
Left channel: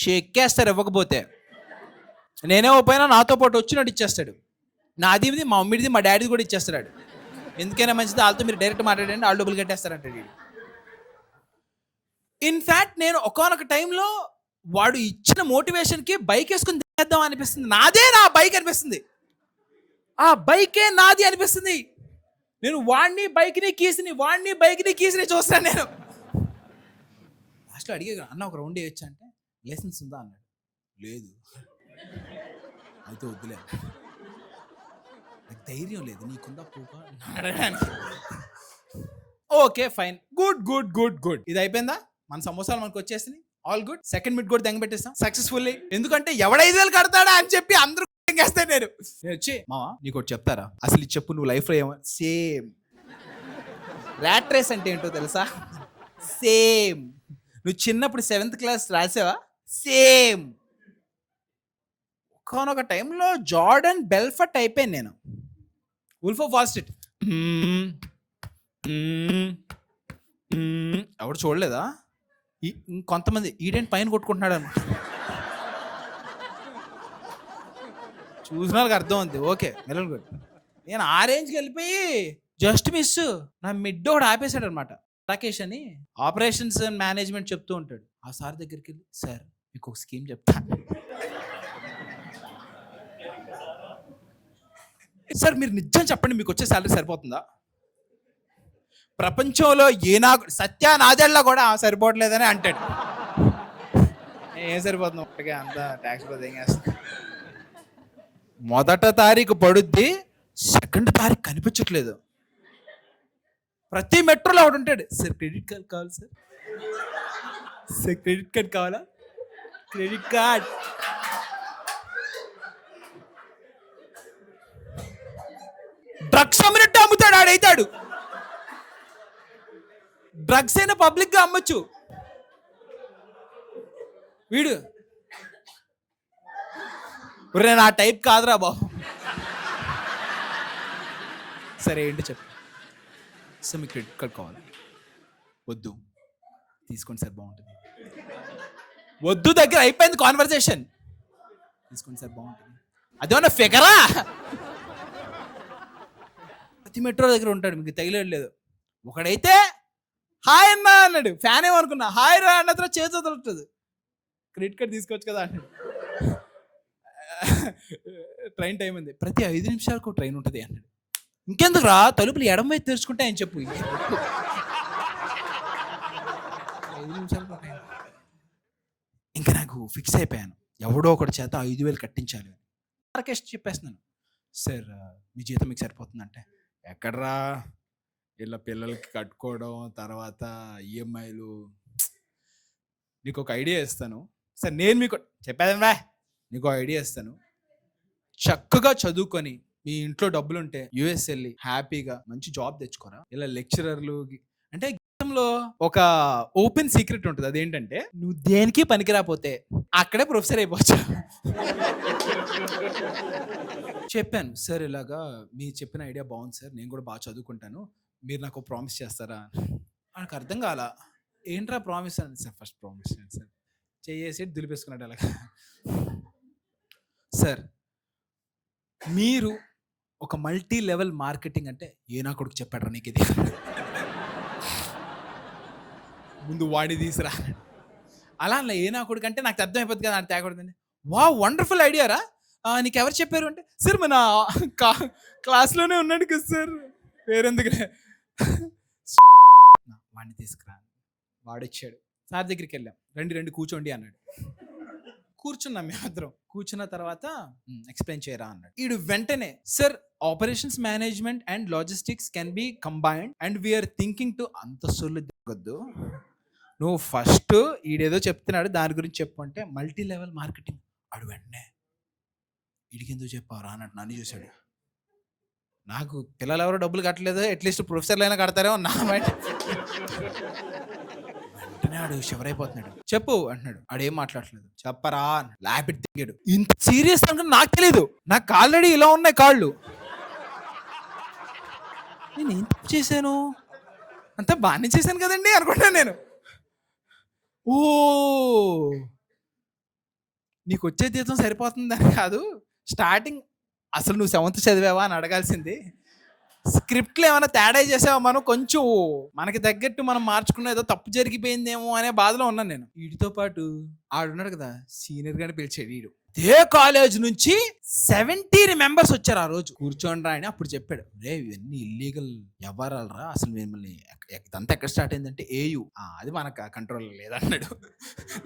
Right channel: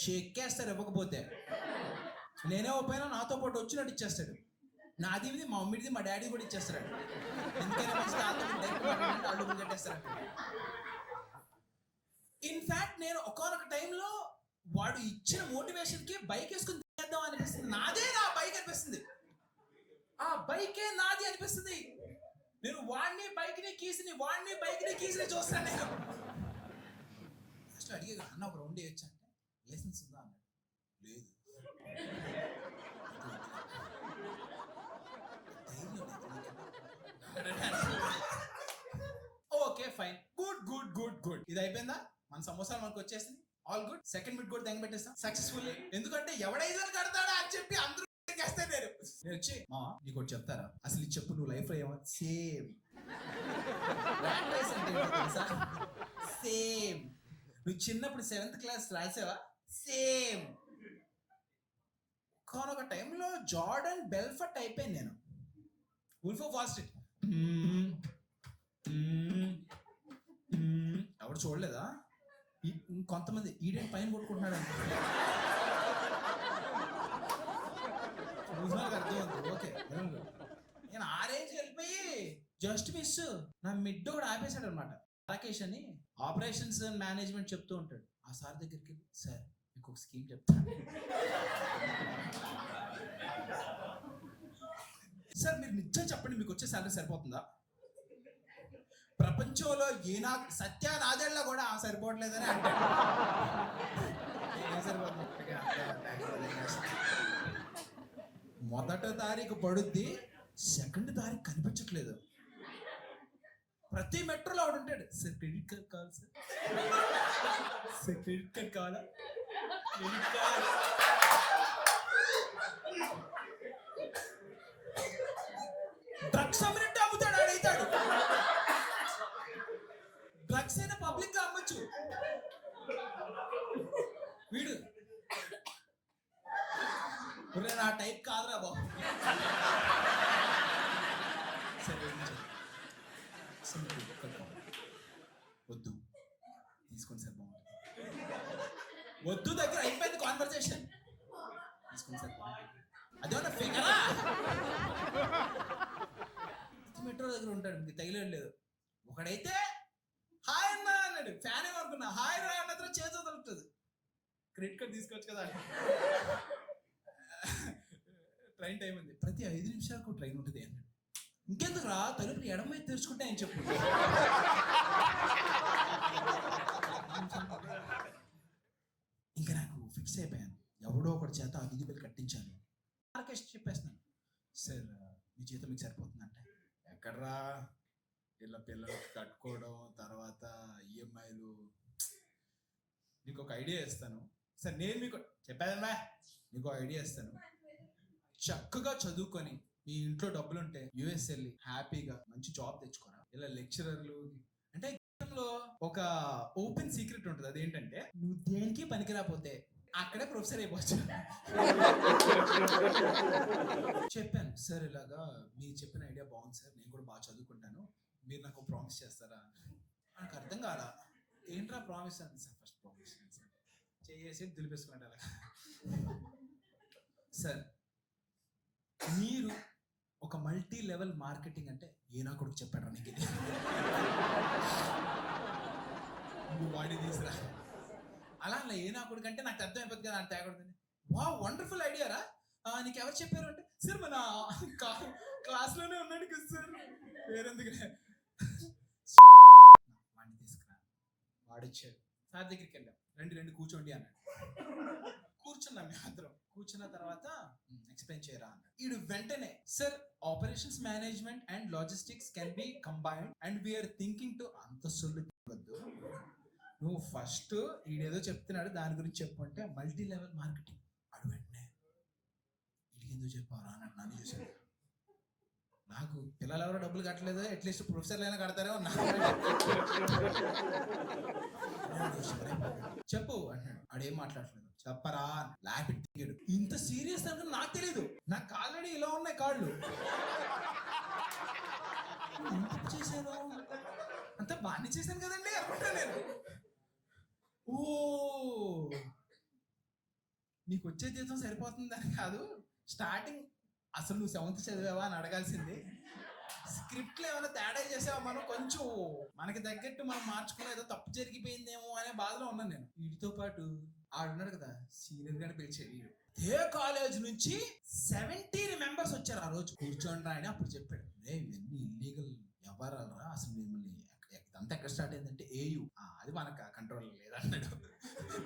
చెక్కేస్తారు ఇవ్వకపోతే. నేనే పోయినా నాతో పాటు వచ్చినట్టు ఇచ్చేస్తాడు. నాది మా మమ్మీది మా డాడీది కూడా ఇచ్చేస్తాడు. ఎందుకైనా మంచిది, వాళ్ళతో మీరు డైరెక్ట్ మాట్లాడండి, వాళ్ళు డబ్బులు కట్టేస్తారంట. ఇన్ఫ్యాక్ట్ నేను ఒకానొక టైంలో వాడు ఇచ్చిన మోటివేషన్కి బైక్ వేసుకుని తినేద్దాం అనిపిస్తుంది. నాదే నా బైక్ అనిపిస్తుంది, ఆ బైకే నాది అనిపిస్తుంది. నేను వాడిని బైక్ని కీసిని చూస్తాను. నేను లాస్ట్లో అడిగే అన్న ఒక రౌండ్ వేయొచ్చా అంటే లైసెన్స్ ఉందా అన్నాడు. లేదు. అయితే వద్దులే, ధైర్యం లేదు, నీకుందా పూక అడగడానికి. Okay fine, good. ఇది అయిపోయిందా? మన సమోసాలు మనకు వచ్చేసింది, ఆల్ గుడ్. సెకండ్ మిడ్ కూడా దెంగ పెట్టేస్తాం సక్సెస్ఫుల్లీ. ఎందుకంటే ఎవడ 5,000 కడతాడా అని చెప్పి అందరూ వేస్తాను. నేను వచ్చి మావా నీకు ఒకటి చెప్తారా, అసలు ఇది చెప్పు, నువ్వు లైఫ్లో ఏమో సేమ్ ర్యాట్ రేస్ అంటే ఏంటో తెలుసా? సేమ్. నువ్వు చిన్నప్పుడు 7th క్లాస్ రాసావా? సేమ్. ఒకనొక టైంలో జార్డన్ బెల్ఫర్ట్ అయిపోయాను నేను. వుల్ఫ్ ఆఫ్ వాల్ స్ట్రీట్ ఎవడు చూడలేదా? కొంతమంది ఈడేంటి పైన కొట్టుకుంటున్నాడు అని చూసిన వాళ్ళకి అర్థం ఉంది. ఓకే మెల్లలు గుడ్. నేను ఆ రేంజ్కి వెళ్ళిపోయి జస్ట్ మిస్ నా మిడ్ ఒకటి ఆపేశాడు అనమాట. రాకేష్ అని ఆపరేషన్స్ అండ్ మేనేజ్మెంట్ చెప్తూ ఉంటాడు. ఆ సార్ దగ్గరికి వెళ్ళి సార్ మీకు ఒక స్కీమ్ చెప్తా. సార్ మీరు నిజం చెప్పండి, మీకు వచ్చే శాలరీ సరిపోతుందా? ప్రపంచంలో సత్య నాదేళ్ళ కూడా సరిపోవట్లేదని అంటాడు. ఏం సరిపోతుంది ఒక్కటిగా, అంత ట్యాక్స్ ఏం చేస్తుంది. మొదట తారీఖు పడుద్ది, 2వ తారీఖు కనిపించట్లేదు. ప్రతి మెట్రోలో ఒకడు ఉంటాడు, సార్ క్రెడిట్ కార్డ్ కావాలి సార్, సార్ క్రెడిట్ కార్డ్ కావాలా, క్రెడిట్ కార్డ్. డ్రగ్స్ అమ్మినట్టు అమ్ముతాడు ఆడైతాడు. డ్రగ్స్ అయినా పబ్లిక్ గా అమ్మొచ్చు. వీడు నేను ఆ టైప్ కాదురా బాబు. సరే ఏంటి చెప్పు సార్, మీకు క్రెడిట్ కార్డ్ కావాలి, వద్దు తీసుకోండి సార్ బాగుంటుంది, వద్దు దగ్గర అయిపోయింది కాన్వర్సేషన్, తీసుకోండి సార్ బాగుంటుంది. అదేమన్నా ఫిగరా? ప్రతి మెట్రో దగ్గర ఉంటాడు, మీకు తగిలేదు. ఒకడైతే హాయ్ అన్న అన్నాడు, ఫ్యాన్ ఏమనుకున్నా, హాయ్ రా అన్న తర్వాత చేతి వదులుతుంది, క్రెడిట్ కార్డ్ తీసుకోవచ్చు కదా. ట్రైన్ టైం ఉంది, ప్రతి 5 నిమిషాలకు ట్రైన్ ఉంటుంది అన్నాడు. ఇంకెందుకు రా, తలుపులు ఎడమ వైపు తెరుచుకుంటే ఆయన చెప్పు. 5 నిమిషాలకు ఇంకా నాకు ఫిక్స్ అయిపోయాను, ఎవడో ఒకటి చేత 5,000 కట్టించాలి. ఆర్కెస్ట్ చెప్పేస్తున్నాను, సార్ మీ జీతం మీకు సరిపోతుందంటే, ఎక్కడరా ఇలా పిల్లలకి కట్టుకోవడం, తర్వాత ఈఎంఐలు, నీకు ఒక ఐడియా ఇస్తాను సార్. నేను మీకు చెప్పేదా, నీకు ఐడియా ఇస్తాను, చక్కగా చదువుకొని మీ ఇంట్లో డబ్బులు ఉంటే యుఎస్ వెళ్ళి హ్యాపీగా మంచి జాబ్ తెచ్చుకోరా. ఇలా లెక్చరర్లు అంటే గతంలో ఒక ఓపెన్ సీక్రెట్ ఉంటుంది, అదేంటంటే నువ్వు దేనికి పనికిరాపోతే అక్కడే ప్రొఫెసర్ అయిపోవచ్చు. చెప్పాను సార్, ఇలాగా మీ చెప్పిన ఐడియా బాగుంది సార్, నేను కూడా బాగా చదువుకుంటాను, మీరు నాకు ప్రామిస్ చేస్తారా. నాకు అర్థం కాల, ఏంట్రా ప్రామిస్ అని. సార్ ఫస్ట్ ప్రామిస్ చేయండి సార్, చేసి దులిపేసుకున్నాడు అలాగా. సార్ మీరు ఒక మల్టీ లెవెల్ మార్కెటింగ్ అంటే ఏ నా కొడుకు చెప్పాడు నీకు ఇది, ముందు వాడి తీసురా. అలా అలా ఏ నా కొడుకు అంటే నాకు అర్థమైపోతుంది కదా, అని తేకూడదండి. వా వండర్ఫుల్ ఐడియా రా, నీకు ఎవరు చెప్పారు అంటే, సార్ మన క్లాస్లోనే ఉన్నాడు కదా సార్, వేరెందుకు వాడిని తీసుకురా. వాడొచ్చాడు, సార్ దగ్గరికి వెళ్ళాం, రండి కూర్చోండి అన్నాడు. కూర్చున్నాం మేమిద్దరం. కూర్చున్న తర్వాత ఎక్స్ప్లెయిన్ చేయరా అన్నాడు. ఈడు వెంటనే, sir operations management and logistics can be combined and we're thinking to. అంత సొల్లు దిగొద్దు, నువ్వు ఫస్ట్ ఈడేదో చెప్తున్నాడు దాని గురించి చెప్పు అంటే, మల్టీ లెవెల్ మార్కెటింగ్. ఆడు వెంటనే వీడికి ఎందుకు చెప్పారా అన్నట్టు నన్ను చూశాడు. నాకు పిల్లలు ఎవరు డబ్బులు కట్టలేదు, అట్లీస్ట్ ప్రొఫెసర్లు అయినా కడతారేమో నా మైండ్. ఆడు శివరైపోతున్నాడు. చెప్పు అంటున్నాడు, ఆడేం మాట్లాడలేదు. చెప్పరా లాపిట్ తిరిగాడు. ఇంత సీరియస్ అనుకుని నాకు తెలీదు, నాకు ఆల్రెడీ ఇలా ఉన్నాయి కాళ్ళు. నేను ఏం తప్పు చేశాను, అంతా బాగానే చేశాను కదండి అనుకుంటాను నేను. ఓ నీకు వచ్చే జీతం సరిపోతుందని కాదు, స్టార్టింగ్ అసలు నువ్వు 7th చదివావా అని అడగాల్సింది. స్క్రిప్ట్లో ఏమైనా తేడా చేసావా, మనం కొంచెం మనకి తగ్గట్టు మనం మార్చుకున్న ఏదో తప్పు జరిగిపోయిందేమో అనే బాధలో ఉన్నాను నేను. వీటితో పాటు ఆడున్నాడు కదా సీనియర్ గారిని పిలిచాడు. వీడు అదే కాలేజ్ నుంచి 17 మెంబర్స్ వచ్చారు ఆ రోజు. కూర్చోండి రా అని అప్పుడు చెప్పాడు, రే ఇవన్నీ ఇల్లీగల్ వ్యవహారాలు రా, అసలు మిమ్మల్ని ఇదంతా ఎక్కడ స్టార్ట్ అయిందంటే ఏయు, అది మనకు కంట్రోల్ లేదన్నాడు.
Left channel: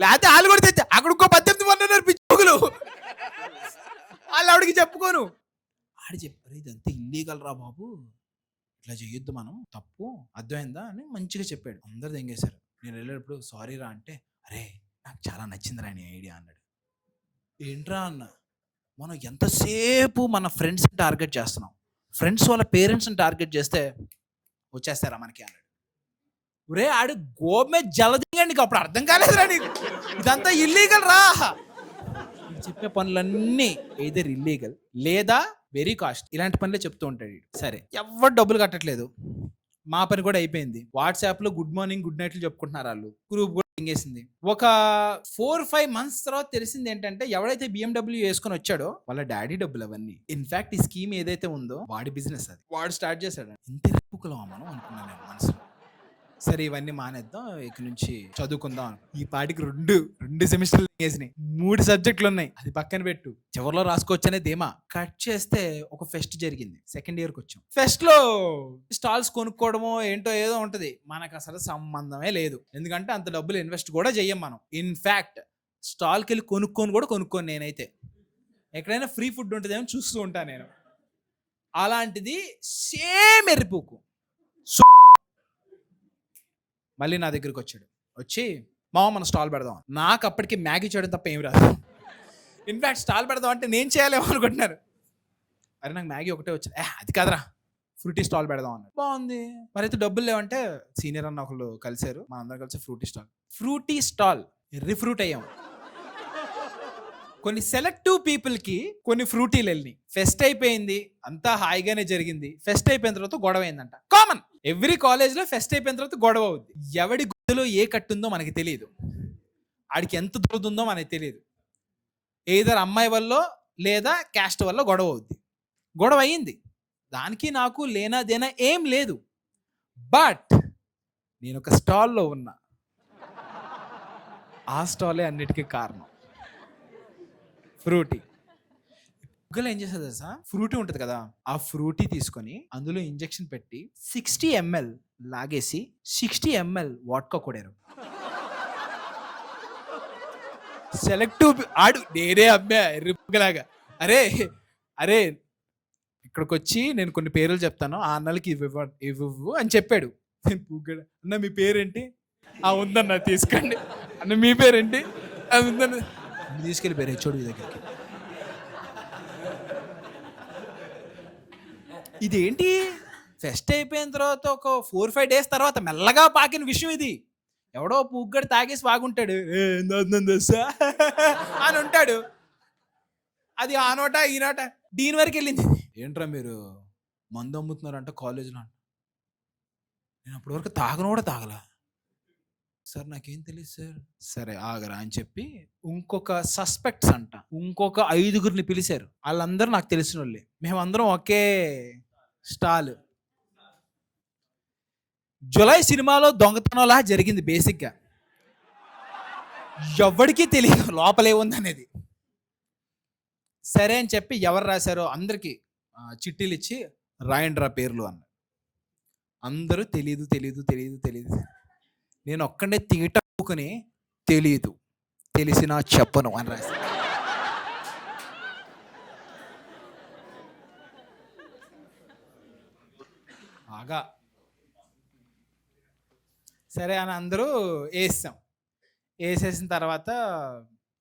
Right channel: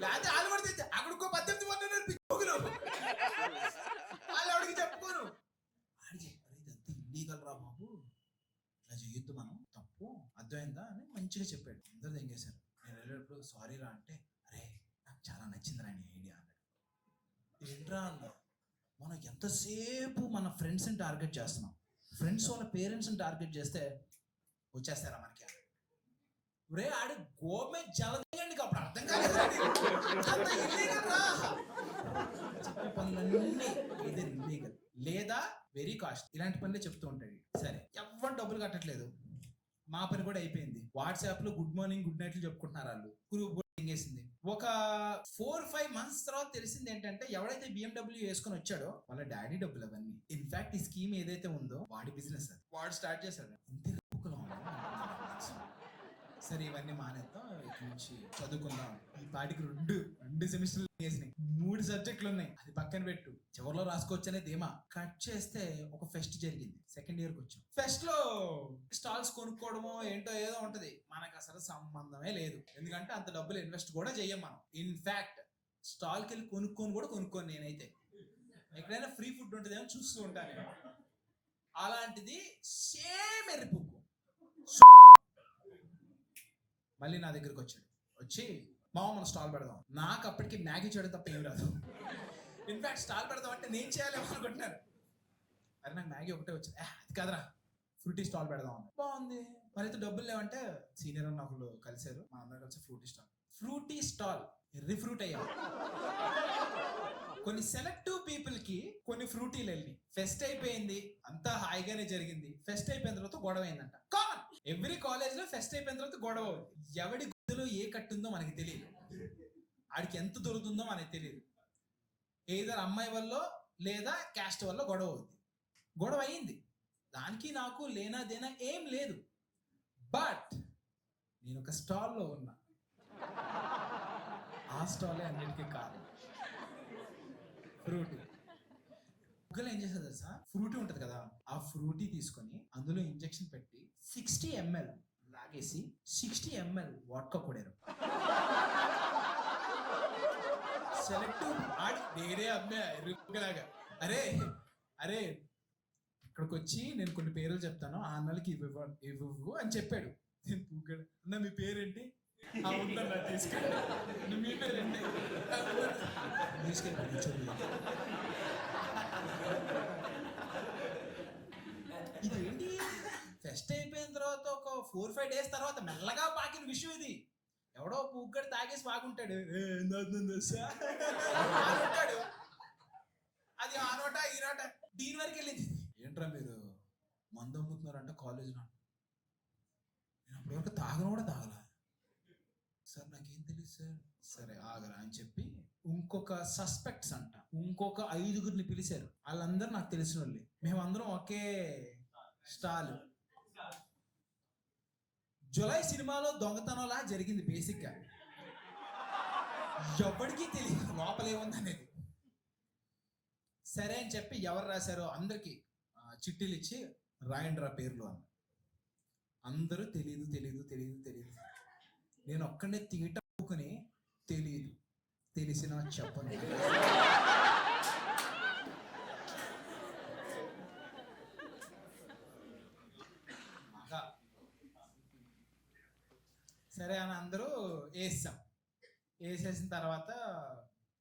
లేకపోతే వాళ్ళు కూడా తెచ్చా అక్కడ ఇంకో 18 మంది పిచ్చుకులు, వాళ్ళు ఆవిడకి చెప్పుకోను. ఆడు చెప్పారు ఇదంతా ఇల్లీగల్ రా బాబు, ఇట్లా చేయొద్దు, మనం తప్పు, అర్థమైందా అని మంచిగా చెప్పాడు. అందరు తెంగేశారు. నేను వెళ్ళేటప్పుడు సారీ రా అంటే, అరే నాకు చాలా నచ్చిందిరా నీ ఐడియా అన్నాడు. ఏంట్రా అన్న, మనం ఎంతసేపు మన ఫ్రెండ్స్ని టార్గెట్ చేస్తున్నాం, ఫ్రెండ్స్ వాళ్ళ పేరెంట్స్ని టార్గెట్ చేస్తే వచ్చేస్తారా మనకి అన్నాడు. ఒరే ఆడు గోమే జలదిగా, నీకు అప్పుడు అర్థం కాలేదురా, నీకు ఇదంతా ఇల్లీగల్ రా. చెప్పే పనులన్నీ ఎయిదర్ ఇల్లీగల్ లేదా వెరీ కాస్ట్, ఇలాంటి పనులే చెప్తూ ఉంటాడు. సరే ఎవరు డబ్బులు కట్టట్లేదు, మా పని కూడా అయిపోయింది. వాట్సాప్లో గుడ్ మార్నింగ్ గుడ్ నైట్లు చెప్పుకుంటున్నారు వాళ్ళు, గ్రూప్ కూడా ఎంగేసింది. ఒక 4-5 months తర్వాత తెలిసింది ఏంటంటే, ఎవడైతే BMW వేసుకొని వచ్చాడో వాళ్ళ డాడీ డబ్బులు అవన్నీ. ఇన్ఫాక్ట్ ఈ స్కీమ్ ఏదైతే ఉందో వాడి బిజినెస్ అది, వాడు స్టార్ట్ చేశాడు. ఇంత రెప్పుకులం అనుకున్నాను మనసు. సరే ఇవన్నీ మానేద్దాం, ఇక నుంచి చదువుకుందాం. ఈ పాటికి రెండు సెమిస్టర్లు వేసినాయి, 3 సబ్జెక్టులు ఉన్నాయి, అది పక్కన పెట్టు, చివరిలో రాసుకోవచ్చు అనే ధీమా. కట్ చేస్తే ఒక ఫెస్ట్ జరిగింది, 2nd yearకి వచ్చాం. ఫెస్ట్ లో స్టాల్స్ కొనుక్కోవడమో ఏంటో ఏదో ఉంటది, మనకు అసలు సంబంధమే లేదు, ఎందుకంటే అంత డబ్బులు ఇన్వెస్ట్ కూడా చెయ్యం మనం. ఇన్ఫాక్ట్ స్టాల్కి వెళ్ళి కొనుక్కోను నేనైతే. ఎక్కడైనా ఫ్రీ ఫుడ్ ఉంటుందేమో చూస్తూ ఉంటాను నేను. అలాంటిది సేమ్ ఎర్రిపోకు మళ్ళీ నా దగ్గరికి వచ్చాడు. వచ్చి మామ మన స్టాల్ పెడదాం. నాకు అప్పటికి మ్యాగీ చేయడం తప్ప ఏం రాదు. ఇన్ఫాక్ట్ స్టాల్ పెడదాం అంటే నేను చేయాలేమో అనుకుంటున్నారు. అరే నాకు మ్యాగీ ఒకటే వచ్చింది. అది కాదురా, ఫ్రూటీ స్టాల్ పెడదాం అన్నారు. బాగుంది. మరి అయితే డబ్బులు లేవంటే సీనియర్ అన్న ఒకళ్ళు కలిశారు, మా అందరం కలిసి ఫ్రూటీ స్టాల్ రిఫ్రూట్ అయ్యాం. కొన్ని సెలెక్టివ్ పీపుల్కి కొన్ని ఫ్రూటీలు వెళ్ళి ఫెస్ట్ అయిపోయింది, అంతా హాయిగానే జరిగింది. ఫెస్ట్ అయిపోయిన తర్వాత గొడవ అయిందంట. కామన్, ఎవ్రీ కాలేజ్లో ఫెస్ట్ అయిపోయిన తర్వాత గొడవ అవుద్ది. ఎవడి గుర్తులో ఏ కట్టుందో మనకి తెలియదు, ఆడికి ఎంత దొరుకుతుందో మనకి తెలియదు. ఏదర్ అమ్మాయి వల్ల లేదా క్యాస్ట్ వల్ల గొడవ అవుద్ది. గొడవ అయ్యింది, దానికి నాకు లేనా ఏం లేదు. బట్ నేను ఒక స్టాల్లో ఉన్నా, ఆ స్టాలే అన్నిటికీ కారణం. ఫ్రూటీ. ముగ్గులు ఏం చేస్తుంది తెలుసా, ఫ్రూటీ ఉంటుంది కదా, ఆ ఫ్రూటీ తీసుకొని అందులో ఇంజెక్షన్ పెట్టి 60 ml లాగేసి 60 ml వాడ్కా కొడారు. సెలెక్టివ్ ఆడు నేనే అమ్మా రిప్పులాగా. అరే అరే ఇక్కడికి వచ్చి నేను కొన్ని పేర్లు చెప్తాను, ఆ అన్నలకి ఇవ్వు అని చెప్పాడు. అన్న మీ పేరేంటి? ఉందన్న తీసుకోండి. అన్న మీ పేరేంటి? ఉందన్న తీసుకెళ్ళిపోయారు హెచ్ఓడి దగ్గరికి. ఇదేంటి ఫెస్ట్ అయిపోయిన తర్వాత ఒక 4-5 days తర్వాత మెల్లగా పాకిన విషయం ఇది. ఎవడో పూగ్గడి తాగేసి బాగుంటాడు అని ఉంటాడు. అది ఆ నోట ఈ నోట దీని వరకు వెళ్ళింది. ఏంట్రా మీరు మందు అమ్ముతున్నారంట కాలేజ్లో? నేను అప్పటి వరకు తాగను కూడా తాగలా సార్, నాకేం తెలియదు సార్. సరే ఆగరా అని చెప్పి ఇంకొక సస్పెక్ట్స్ అంట ఇంకొక 5గురిని పిలిచారు. వాళ్ళందరూ నాకు తెలిసిన వాళ్ళే, మేమందరం ఒకే స్టాల్. జులై సినిమాలో దొంగతనంలా జరిగింది. బేసిక్గా ఎవరికీ తెలియదు లోపలే ఉందనేది. సరే అని చెప్పి ఎవరు రాశారో అందరికీ చిట్టీలు ఇచ్చి రాయండ్రా పేర్లు అన్న. అందరూ తెలీదు. నేను ఒక్కడే తీటకుని తెలీదు, తెలిసినా చెప్పను అని రాశారు. బాగా సరే అని అందరూ వేసేసిన తర్వాత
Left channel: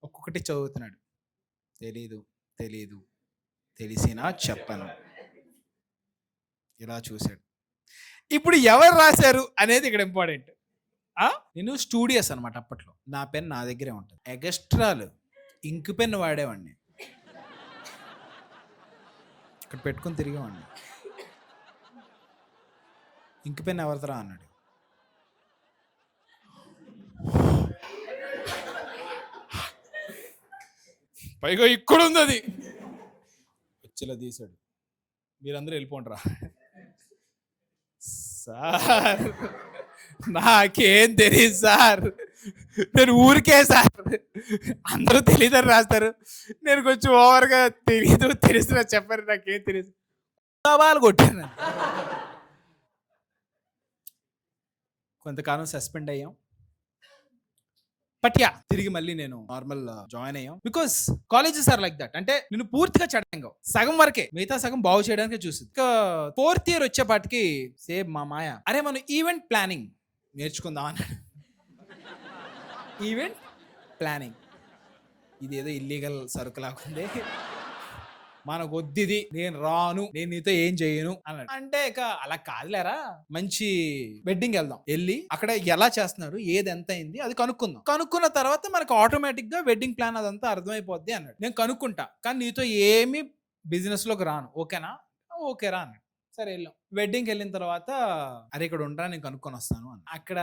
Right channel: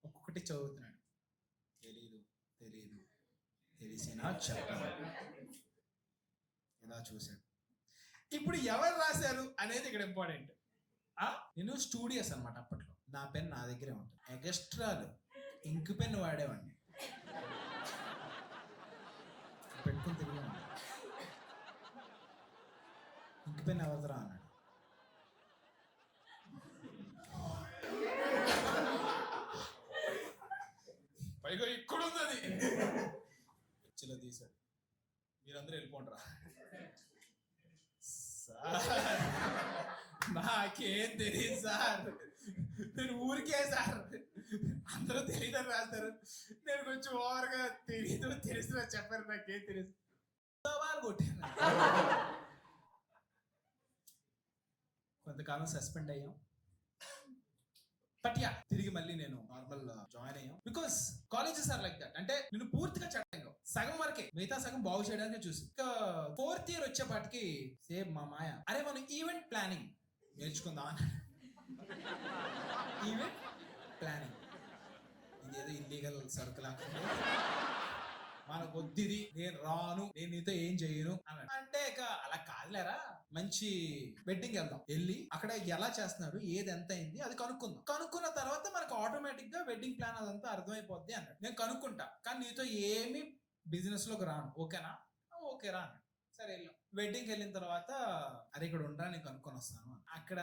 ఒక్కొక్కటి చదువుతున్నాడు. తెలీదు తెలిసినా చెప్పను. ఇలా చూశాడు. ఇప్పుడు ఎవరు రాశారు అనేది ఇక్కడ ఇంపార్టెంట్. నేను స్టూడియస్ అనమాట అప్పట్లో. నా పెన్ నా దగ్గరే ఉంటుంది. ఎగస్ట్రాలు ఇంక్ పెన్ వాడేవాడిని, ఇక్కడ పెట్టుకొని తిరిగేవాడిని. ఇంక్ పెన్ ఎవరితరా అన్నాడు. పైగా ఇక్కడ ఉంది అది. వచ్చేలా తీశాడు. మీరందరూ వెళ్ళిపోండిరా. సార్ నాకేం తెలియదు సార్, నేను ఊరికే సార్, అందరూ తెలియదని రాస్తారు, నేను కొంచెం ఓవర్గా తెలిసిన చెప్పారు, నాకేం తెలియదు. సవాలు కొట్టాను. కొంతకాలం సస్పెండ్ అయ్యాం. బట్ తిరిగి మళ్ళీ నేను నార్మల్ జాయిన్ అయ్యాం. Because colleges are like that. అంటే నేను పూర్తిగా చెడ్డంగా సగం వరకే, మిగతా సగం బాగు చేయడానికి చూసింది. ఇంకా 4th year వచ్చేపాటికి సేమ్ మా మాయ, అరే మనం ఈవెంట్ ప్లానింగ్ నేర్చుకుందాం అన్నాడు. ఈవెంట్ ప్లానింగ్ ఇదేదో ఇల్లీగల్ సరుకు లాగుంది, మనకు వద్దిది, నేను రాను, నేను నీతో ఏం చేయను అన్నాడు. అంటే ఇక అలా కాదులేరా, మంచి వెడ్డింగ్ వెళ్దాం, వెళ్ళి అక్కడ ఎలా చేస్తున్నారు, ఏది ఎంత అయింది అది కనుక్కుందాం, కనుక్కున్న తర్వాత మనకు ఆటోమేటిక్ గా వెడ్డింగ్ ప్లాన్ అదంతా అర్థమైపోద్ది అన్నాడు. నేను కనుక్కుంటా, కానీ నీతో ఏమి బిజినెస్ లోకి రాను, ఓకేనా? ఓకేరా అన్నాడు. సరే వెళ్ళాం. వెడ్డింగ్కి వెళ్ళిన తర్వాత అరే ఇక్కడ ఉండరా, నేను కనుక్కొని వస్తాను అని. అక్కడ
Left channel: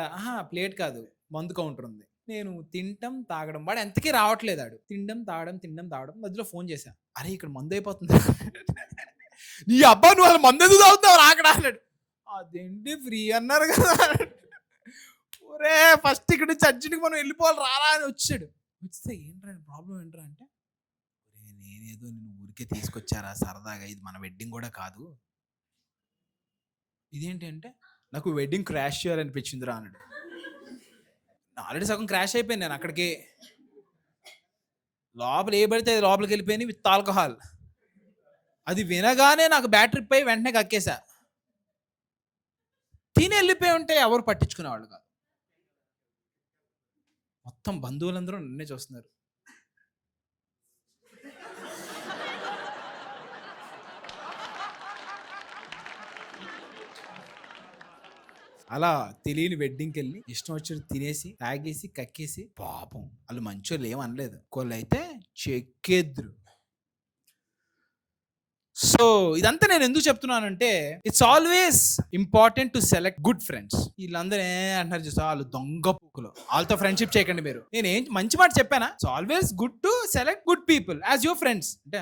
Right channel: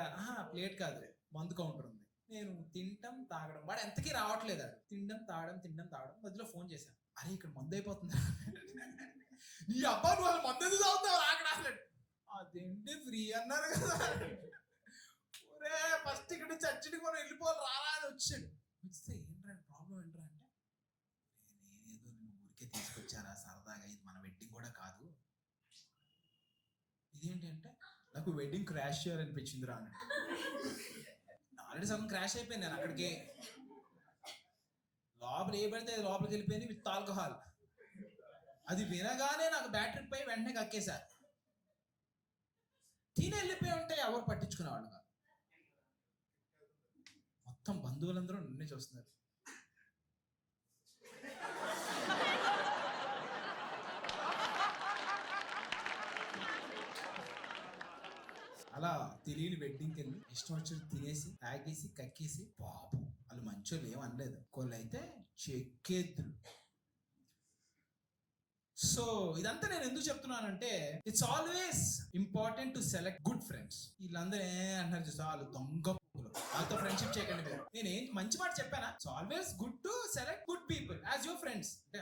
ప్లేట్ కాదు, మందు కౌంటర్ ఉంది. నేను తింటం తాగడం, వాడు ఎంతకీ రావట్లేదు. ఆడు తినడం తాగడం మధ్యలో ఫోన్ చేశా, అరే ఇక్కడ మందు అయిపోతుంది. నీ అబ్బా నువ్వు అసలు మందు ఎందుకు తాగుతావు రాకడా అన్నాడు. అదేంటి ఫ్రీ అన్నారు కదా. ఒరే ఫస్ట్ ఇక్కడ నుంచి అర్జెంట్గా మనం వెళ్ళిపోవాలి రారా అని వచ్చాడు. వస్తే ఏంట్రా ప్రాబ్లం ఏంట్రా అంటే, నేనేదో నేను ఊరికే తీసుకొచ్చారా సరదాగా, ఇది మన వెడ్డింగ్ కూడా కాదు. ఇదేంటి అంటే, నాకు వెడ్డింగ్ క్రాష్ చేయాలనిపించిందిరా అన్నాడు. ఆల్రెడీ సగం క్రాష్ అయిపోయింది. నేను అక్కడికి లోపల ఏ పడితే అది లోపలికి వెళ్ళిపోయింది విత్ ఆల్కహాల్. అది వినగానే నాకు బ్యాటరీ పై వెంటనే కక్కేసా. తిని వెళ్ళిపోయి ఉంటే ఎవరు పట్టించుకునేవాళ్ళు కాదు. మొత్తం బంధువులందరూ నన్నే చూస్తున్నారు. అలా తెలియని వెడ్డింగ్కి వెళ్ళి ఇష్టం వచ్చినట్టు తినేసి తాగేసి కక్కేసి, పాపం వాళ్ళు మంచోళ్ళు ఏమనలేదు, వాళ్ళైతే చెక్కేద్దరు. సో ఇదంతా నేను ఎందుకు చెప్తున్నానంటే, it's always important to select good friends. వీళ్ళందరూ అంటారు చూసా, వాళ్ళు దొంగ పూకులు, వాళ్ళతో ఫ్రెండ్షిప్ చేయకండి మీరు. నేను ఏం మంచి మాట చెప్పానా? It's always good to select good people as your friends. అంటే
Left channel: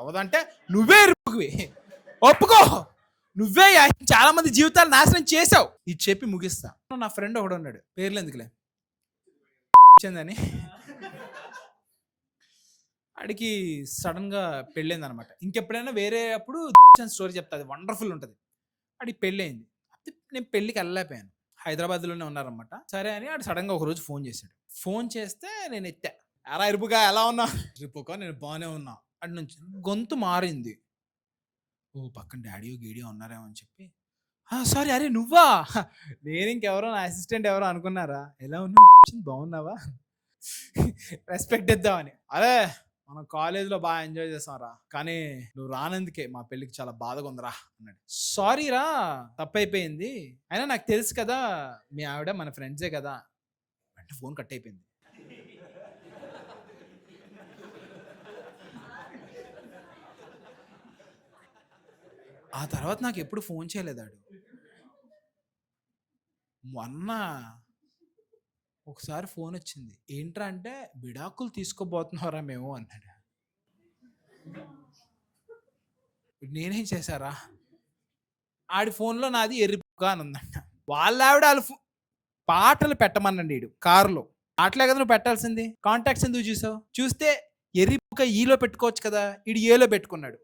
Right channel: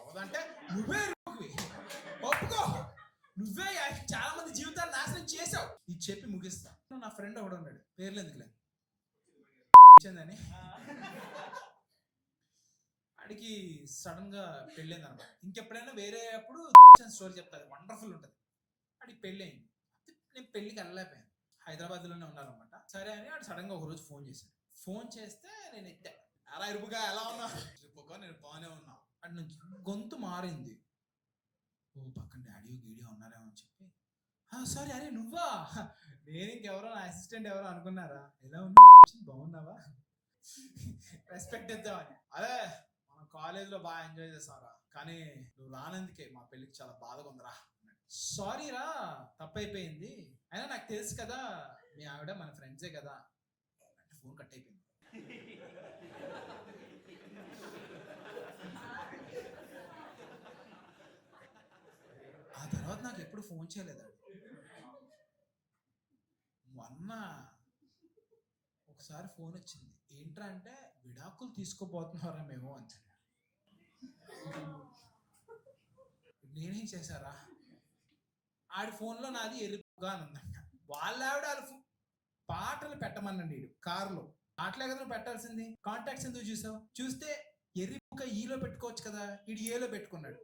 అవదంటే నువ్వే ఇరుకువి, ఒప్పుకో, నువ్వే చాలా మంది జీవితాలు నాశనం చేసావు. ఇది చెప్పి ముగిస్తా. నా ఫ్రెండ్ ఒకడు ఉన్నాడు, పేర్లు ఎందుకులే, అని ఆడికి సడన్ గా పెళ్ళైంది అనమాట. ఇంకెప్పుడైనా వేరే అప్పుడు స్టోరీ చెప్తా, అది వండర్ఫుల్ ఉంటుంది. ఆడికి పెళ్ళైంది. నేను పెళ్ళికి వెళ్ళలేకపోయాను, హైదరాబాద్లోనే ఉన్నారనమాట. సరే అని ఆడు సడన్ గా ఒకరోజు ఫోన్ చేశాడు. ఫోన్ చేస్తే నేను ఎత్తా, అరా ఇరుపుగా ఎలా ఉన్నా? ఇరుపుగా నేను బాగానే ఉన్నా. అటు నుంచి గొంతు మారింది. ఓ పక్కన డాడీయో గీడియో ఉన్నారేమో అని చెప్పి, సారీ అరే నువ్వా? నేను ఇంకెవరో నా అసిస్టెంట్ ఎవరో అనుకున్నారా? ఎలా ఉన్నావు, బాగున్నావా, రెస్పెక్ట్ ఇద్దామని. అరే మనం కాలేజీలో బాగా ఎంజాయ్ చేస్తాంరా, కానీ నువ్వు రానందుకే మా పెళ్ళికి చాలా బాధగా ఉందిరా అన్నాడు. సారీ రా, తప్పైపోయింది, అయినా నాకు తెలుసు కదా మీ ఆవిడ మన ఫ్రెండ్సే కదా అంటే ఫోన్ కట్ అయిపోయింది. ఆ తర్వాత నాకు ఎప్పుడు ఫోన్ చేయలేదాడు. మొన్న ఒకసారి ఫోన్ వచ్చింది, ఏంట్రా అంటే విడాకులు తీసుకోబోతున్నారా మేము అన్నాడు. నేనేం చేశారా? ఆడి ఫోన్లో నాది ఎర్రిపుగా అని ఉందంట. వాళ్ళ ఆవిడ పాటలు పెట్టమనండి, ఈడు కారులో పాటలే కదా నువ్వు పెట్టాల్సింది, కాంటాక్ట్స్ ఎందుకు చూసావు? చూస్తే ఎర్రిపుక ఈలో పెట్టుకోవచ్చు కదా, ఈడు ఏలో పెట్టుకున్నాడు.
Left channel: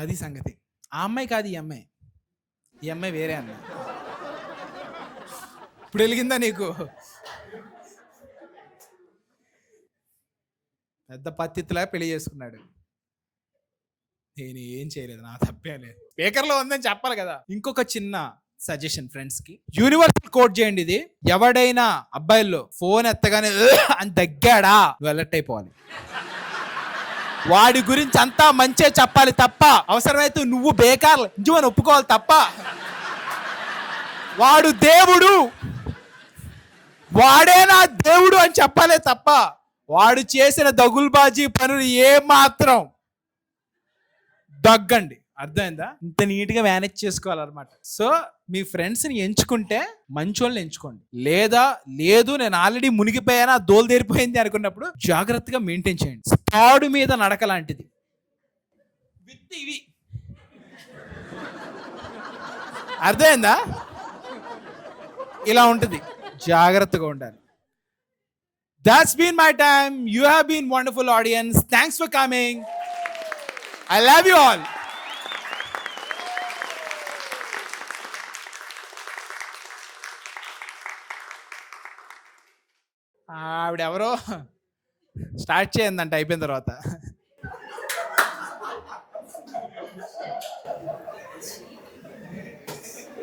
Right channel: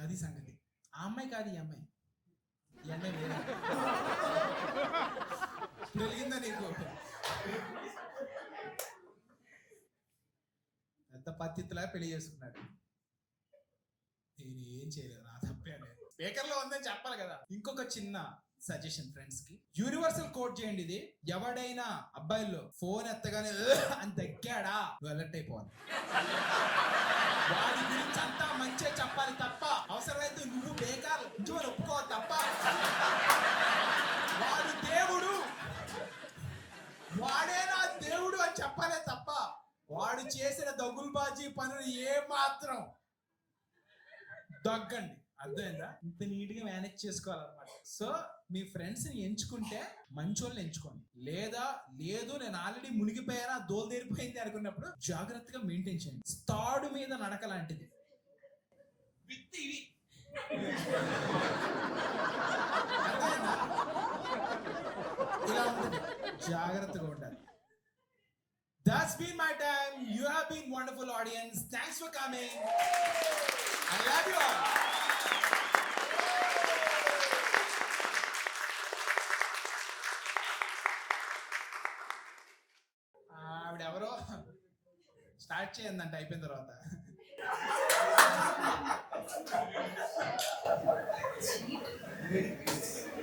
అది సంగతి. ఆ అమ్మాయి కాదు ఈ అమ్మాయి, ఈ అమ్మాయి వేరే అమ్మాయి. ఇప్పుడు వెలిగిందా నీకు? పెద్ద పత్తిలా పెళ్లి చేసుకున్నాడు. నేను ఏం చేయలేదు, నా తప్పే లేదు. స్పీకర్లో ఉందని చెప్పాలి కదా. ఇంకొక చిన్న సజెషన్ ఫ్రెండ్స్ కి, యూనివర్సల్ కోడ్ చేయండి ఇది. ఎవడైనా అబ్బాయిల్లో ఫోన్ ఎత్తగానే అని తగ్గాడా, నువ్వు అలర్ట్ అయిపోవాలి. వాడి గురించి అంతా మంచే చెప్పాలి తప్ప, అవసరమైతే నువ్వు బేకార్ అని ఒప్పుకోవాలి తప్ప, వాడు దేవుడు, వాడే నా దేవుడు అని చెప్పాలే తప్ప, వాడు చేసిన దగుల్బాజీ పనులు ఏమాత్రం దగ్గండి. అర్థమైందా? ఇంత నీట్గా మేనేజ్ చేసుకోవాలన్నమాట. సో మీ ఫ్రెండ్స్ని ఎంచుకుంటే మంచోళ్ళని ఎంచుకోండి, లేదా లేదు నేను ఆల్రెడీ మునిగిపోయానా దోలు తీరిపోయింది అనుకున్నప్పుడు జాగ్రత్తగా మెయింటైన్ చేయండి. తాడు మీద నడక లాంటిది. విత్ ఇవి అర్థమైందా? ఇలా ఉంటుంది, జాగ్రత్తగా ఉండాలి. That's been my time. You have been wonderful audience. Thanks for coming. I love you all. ఆవిడెవరో స్టార్ట్ చేయందంట అయిపోయిన తర్వాత.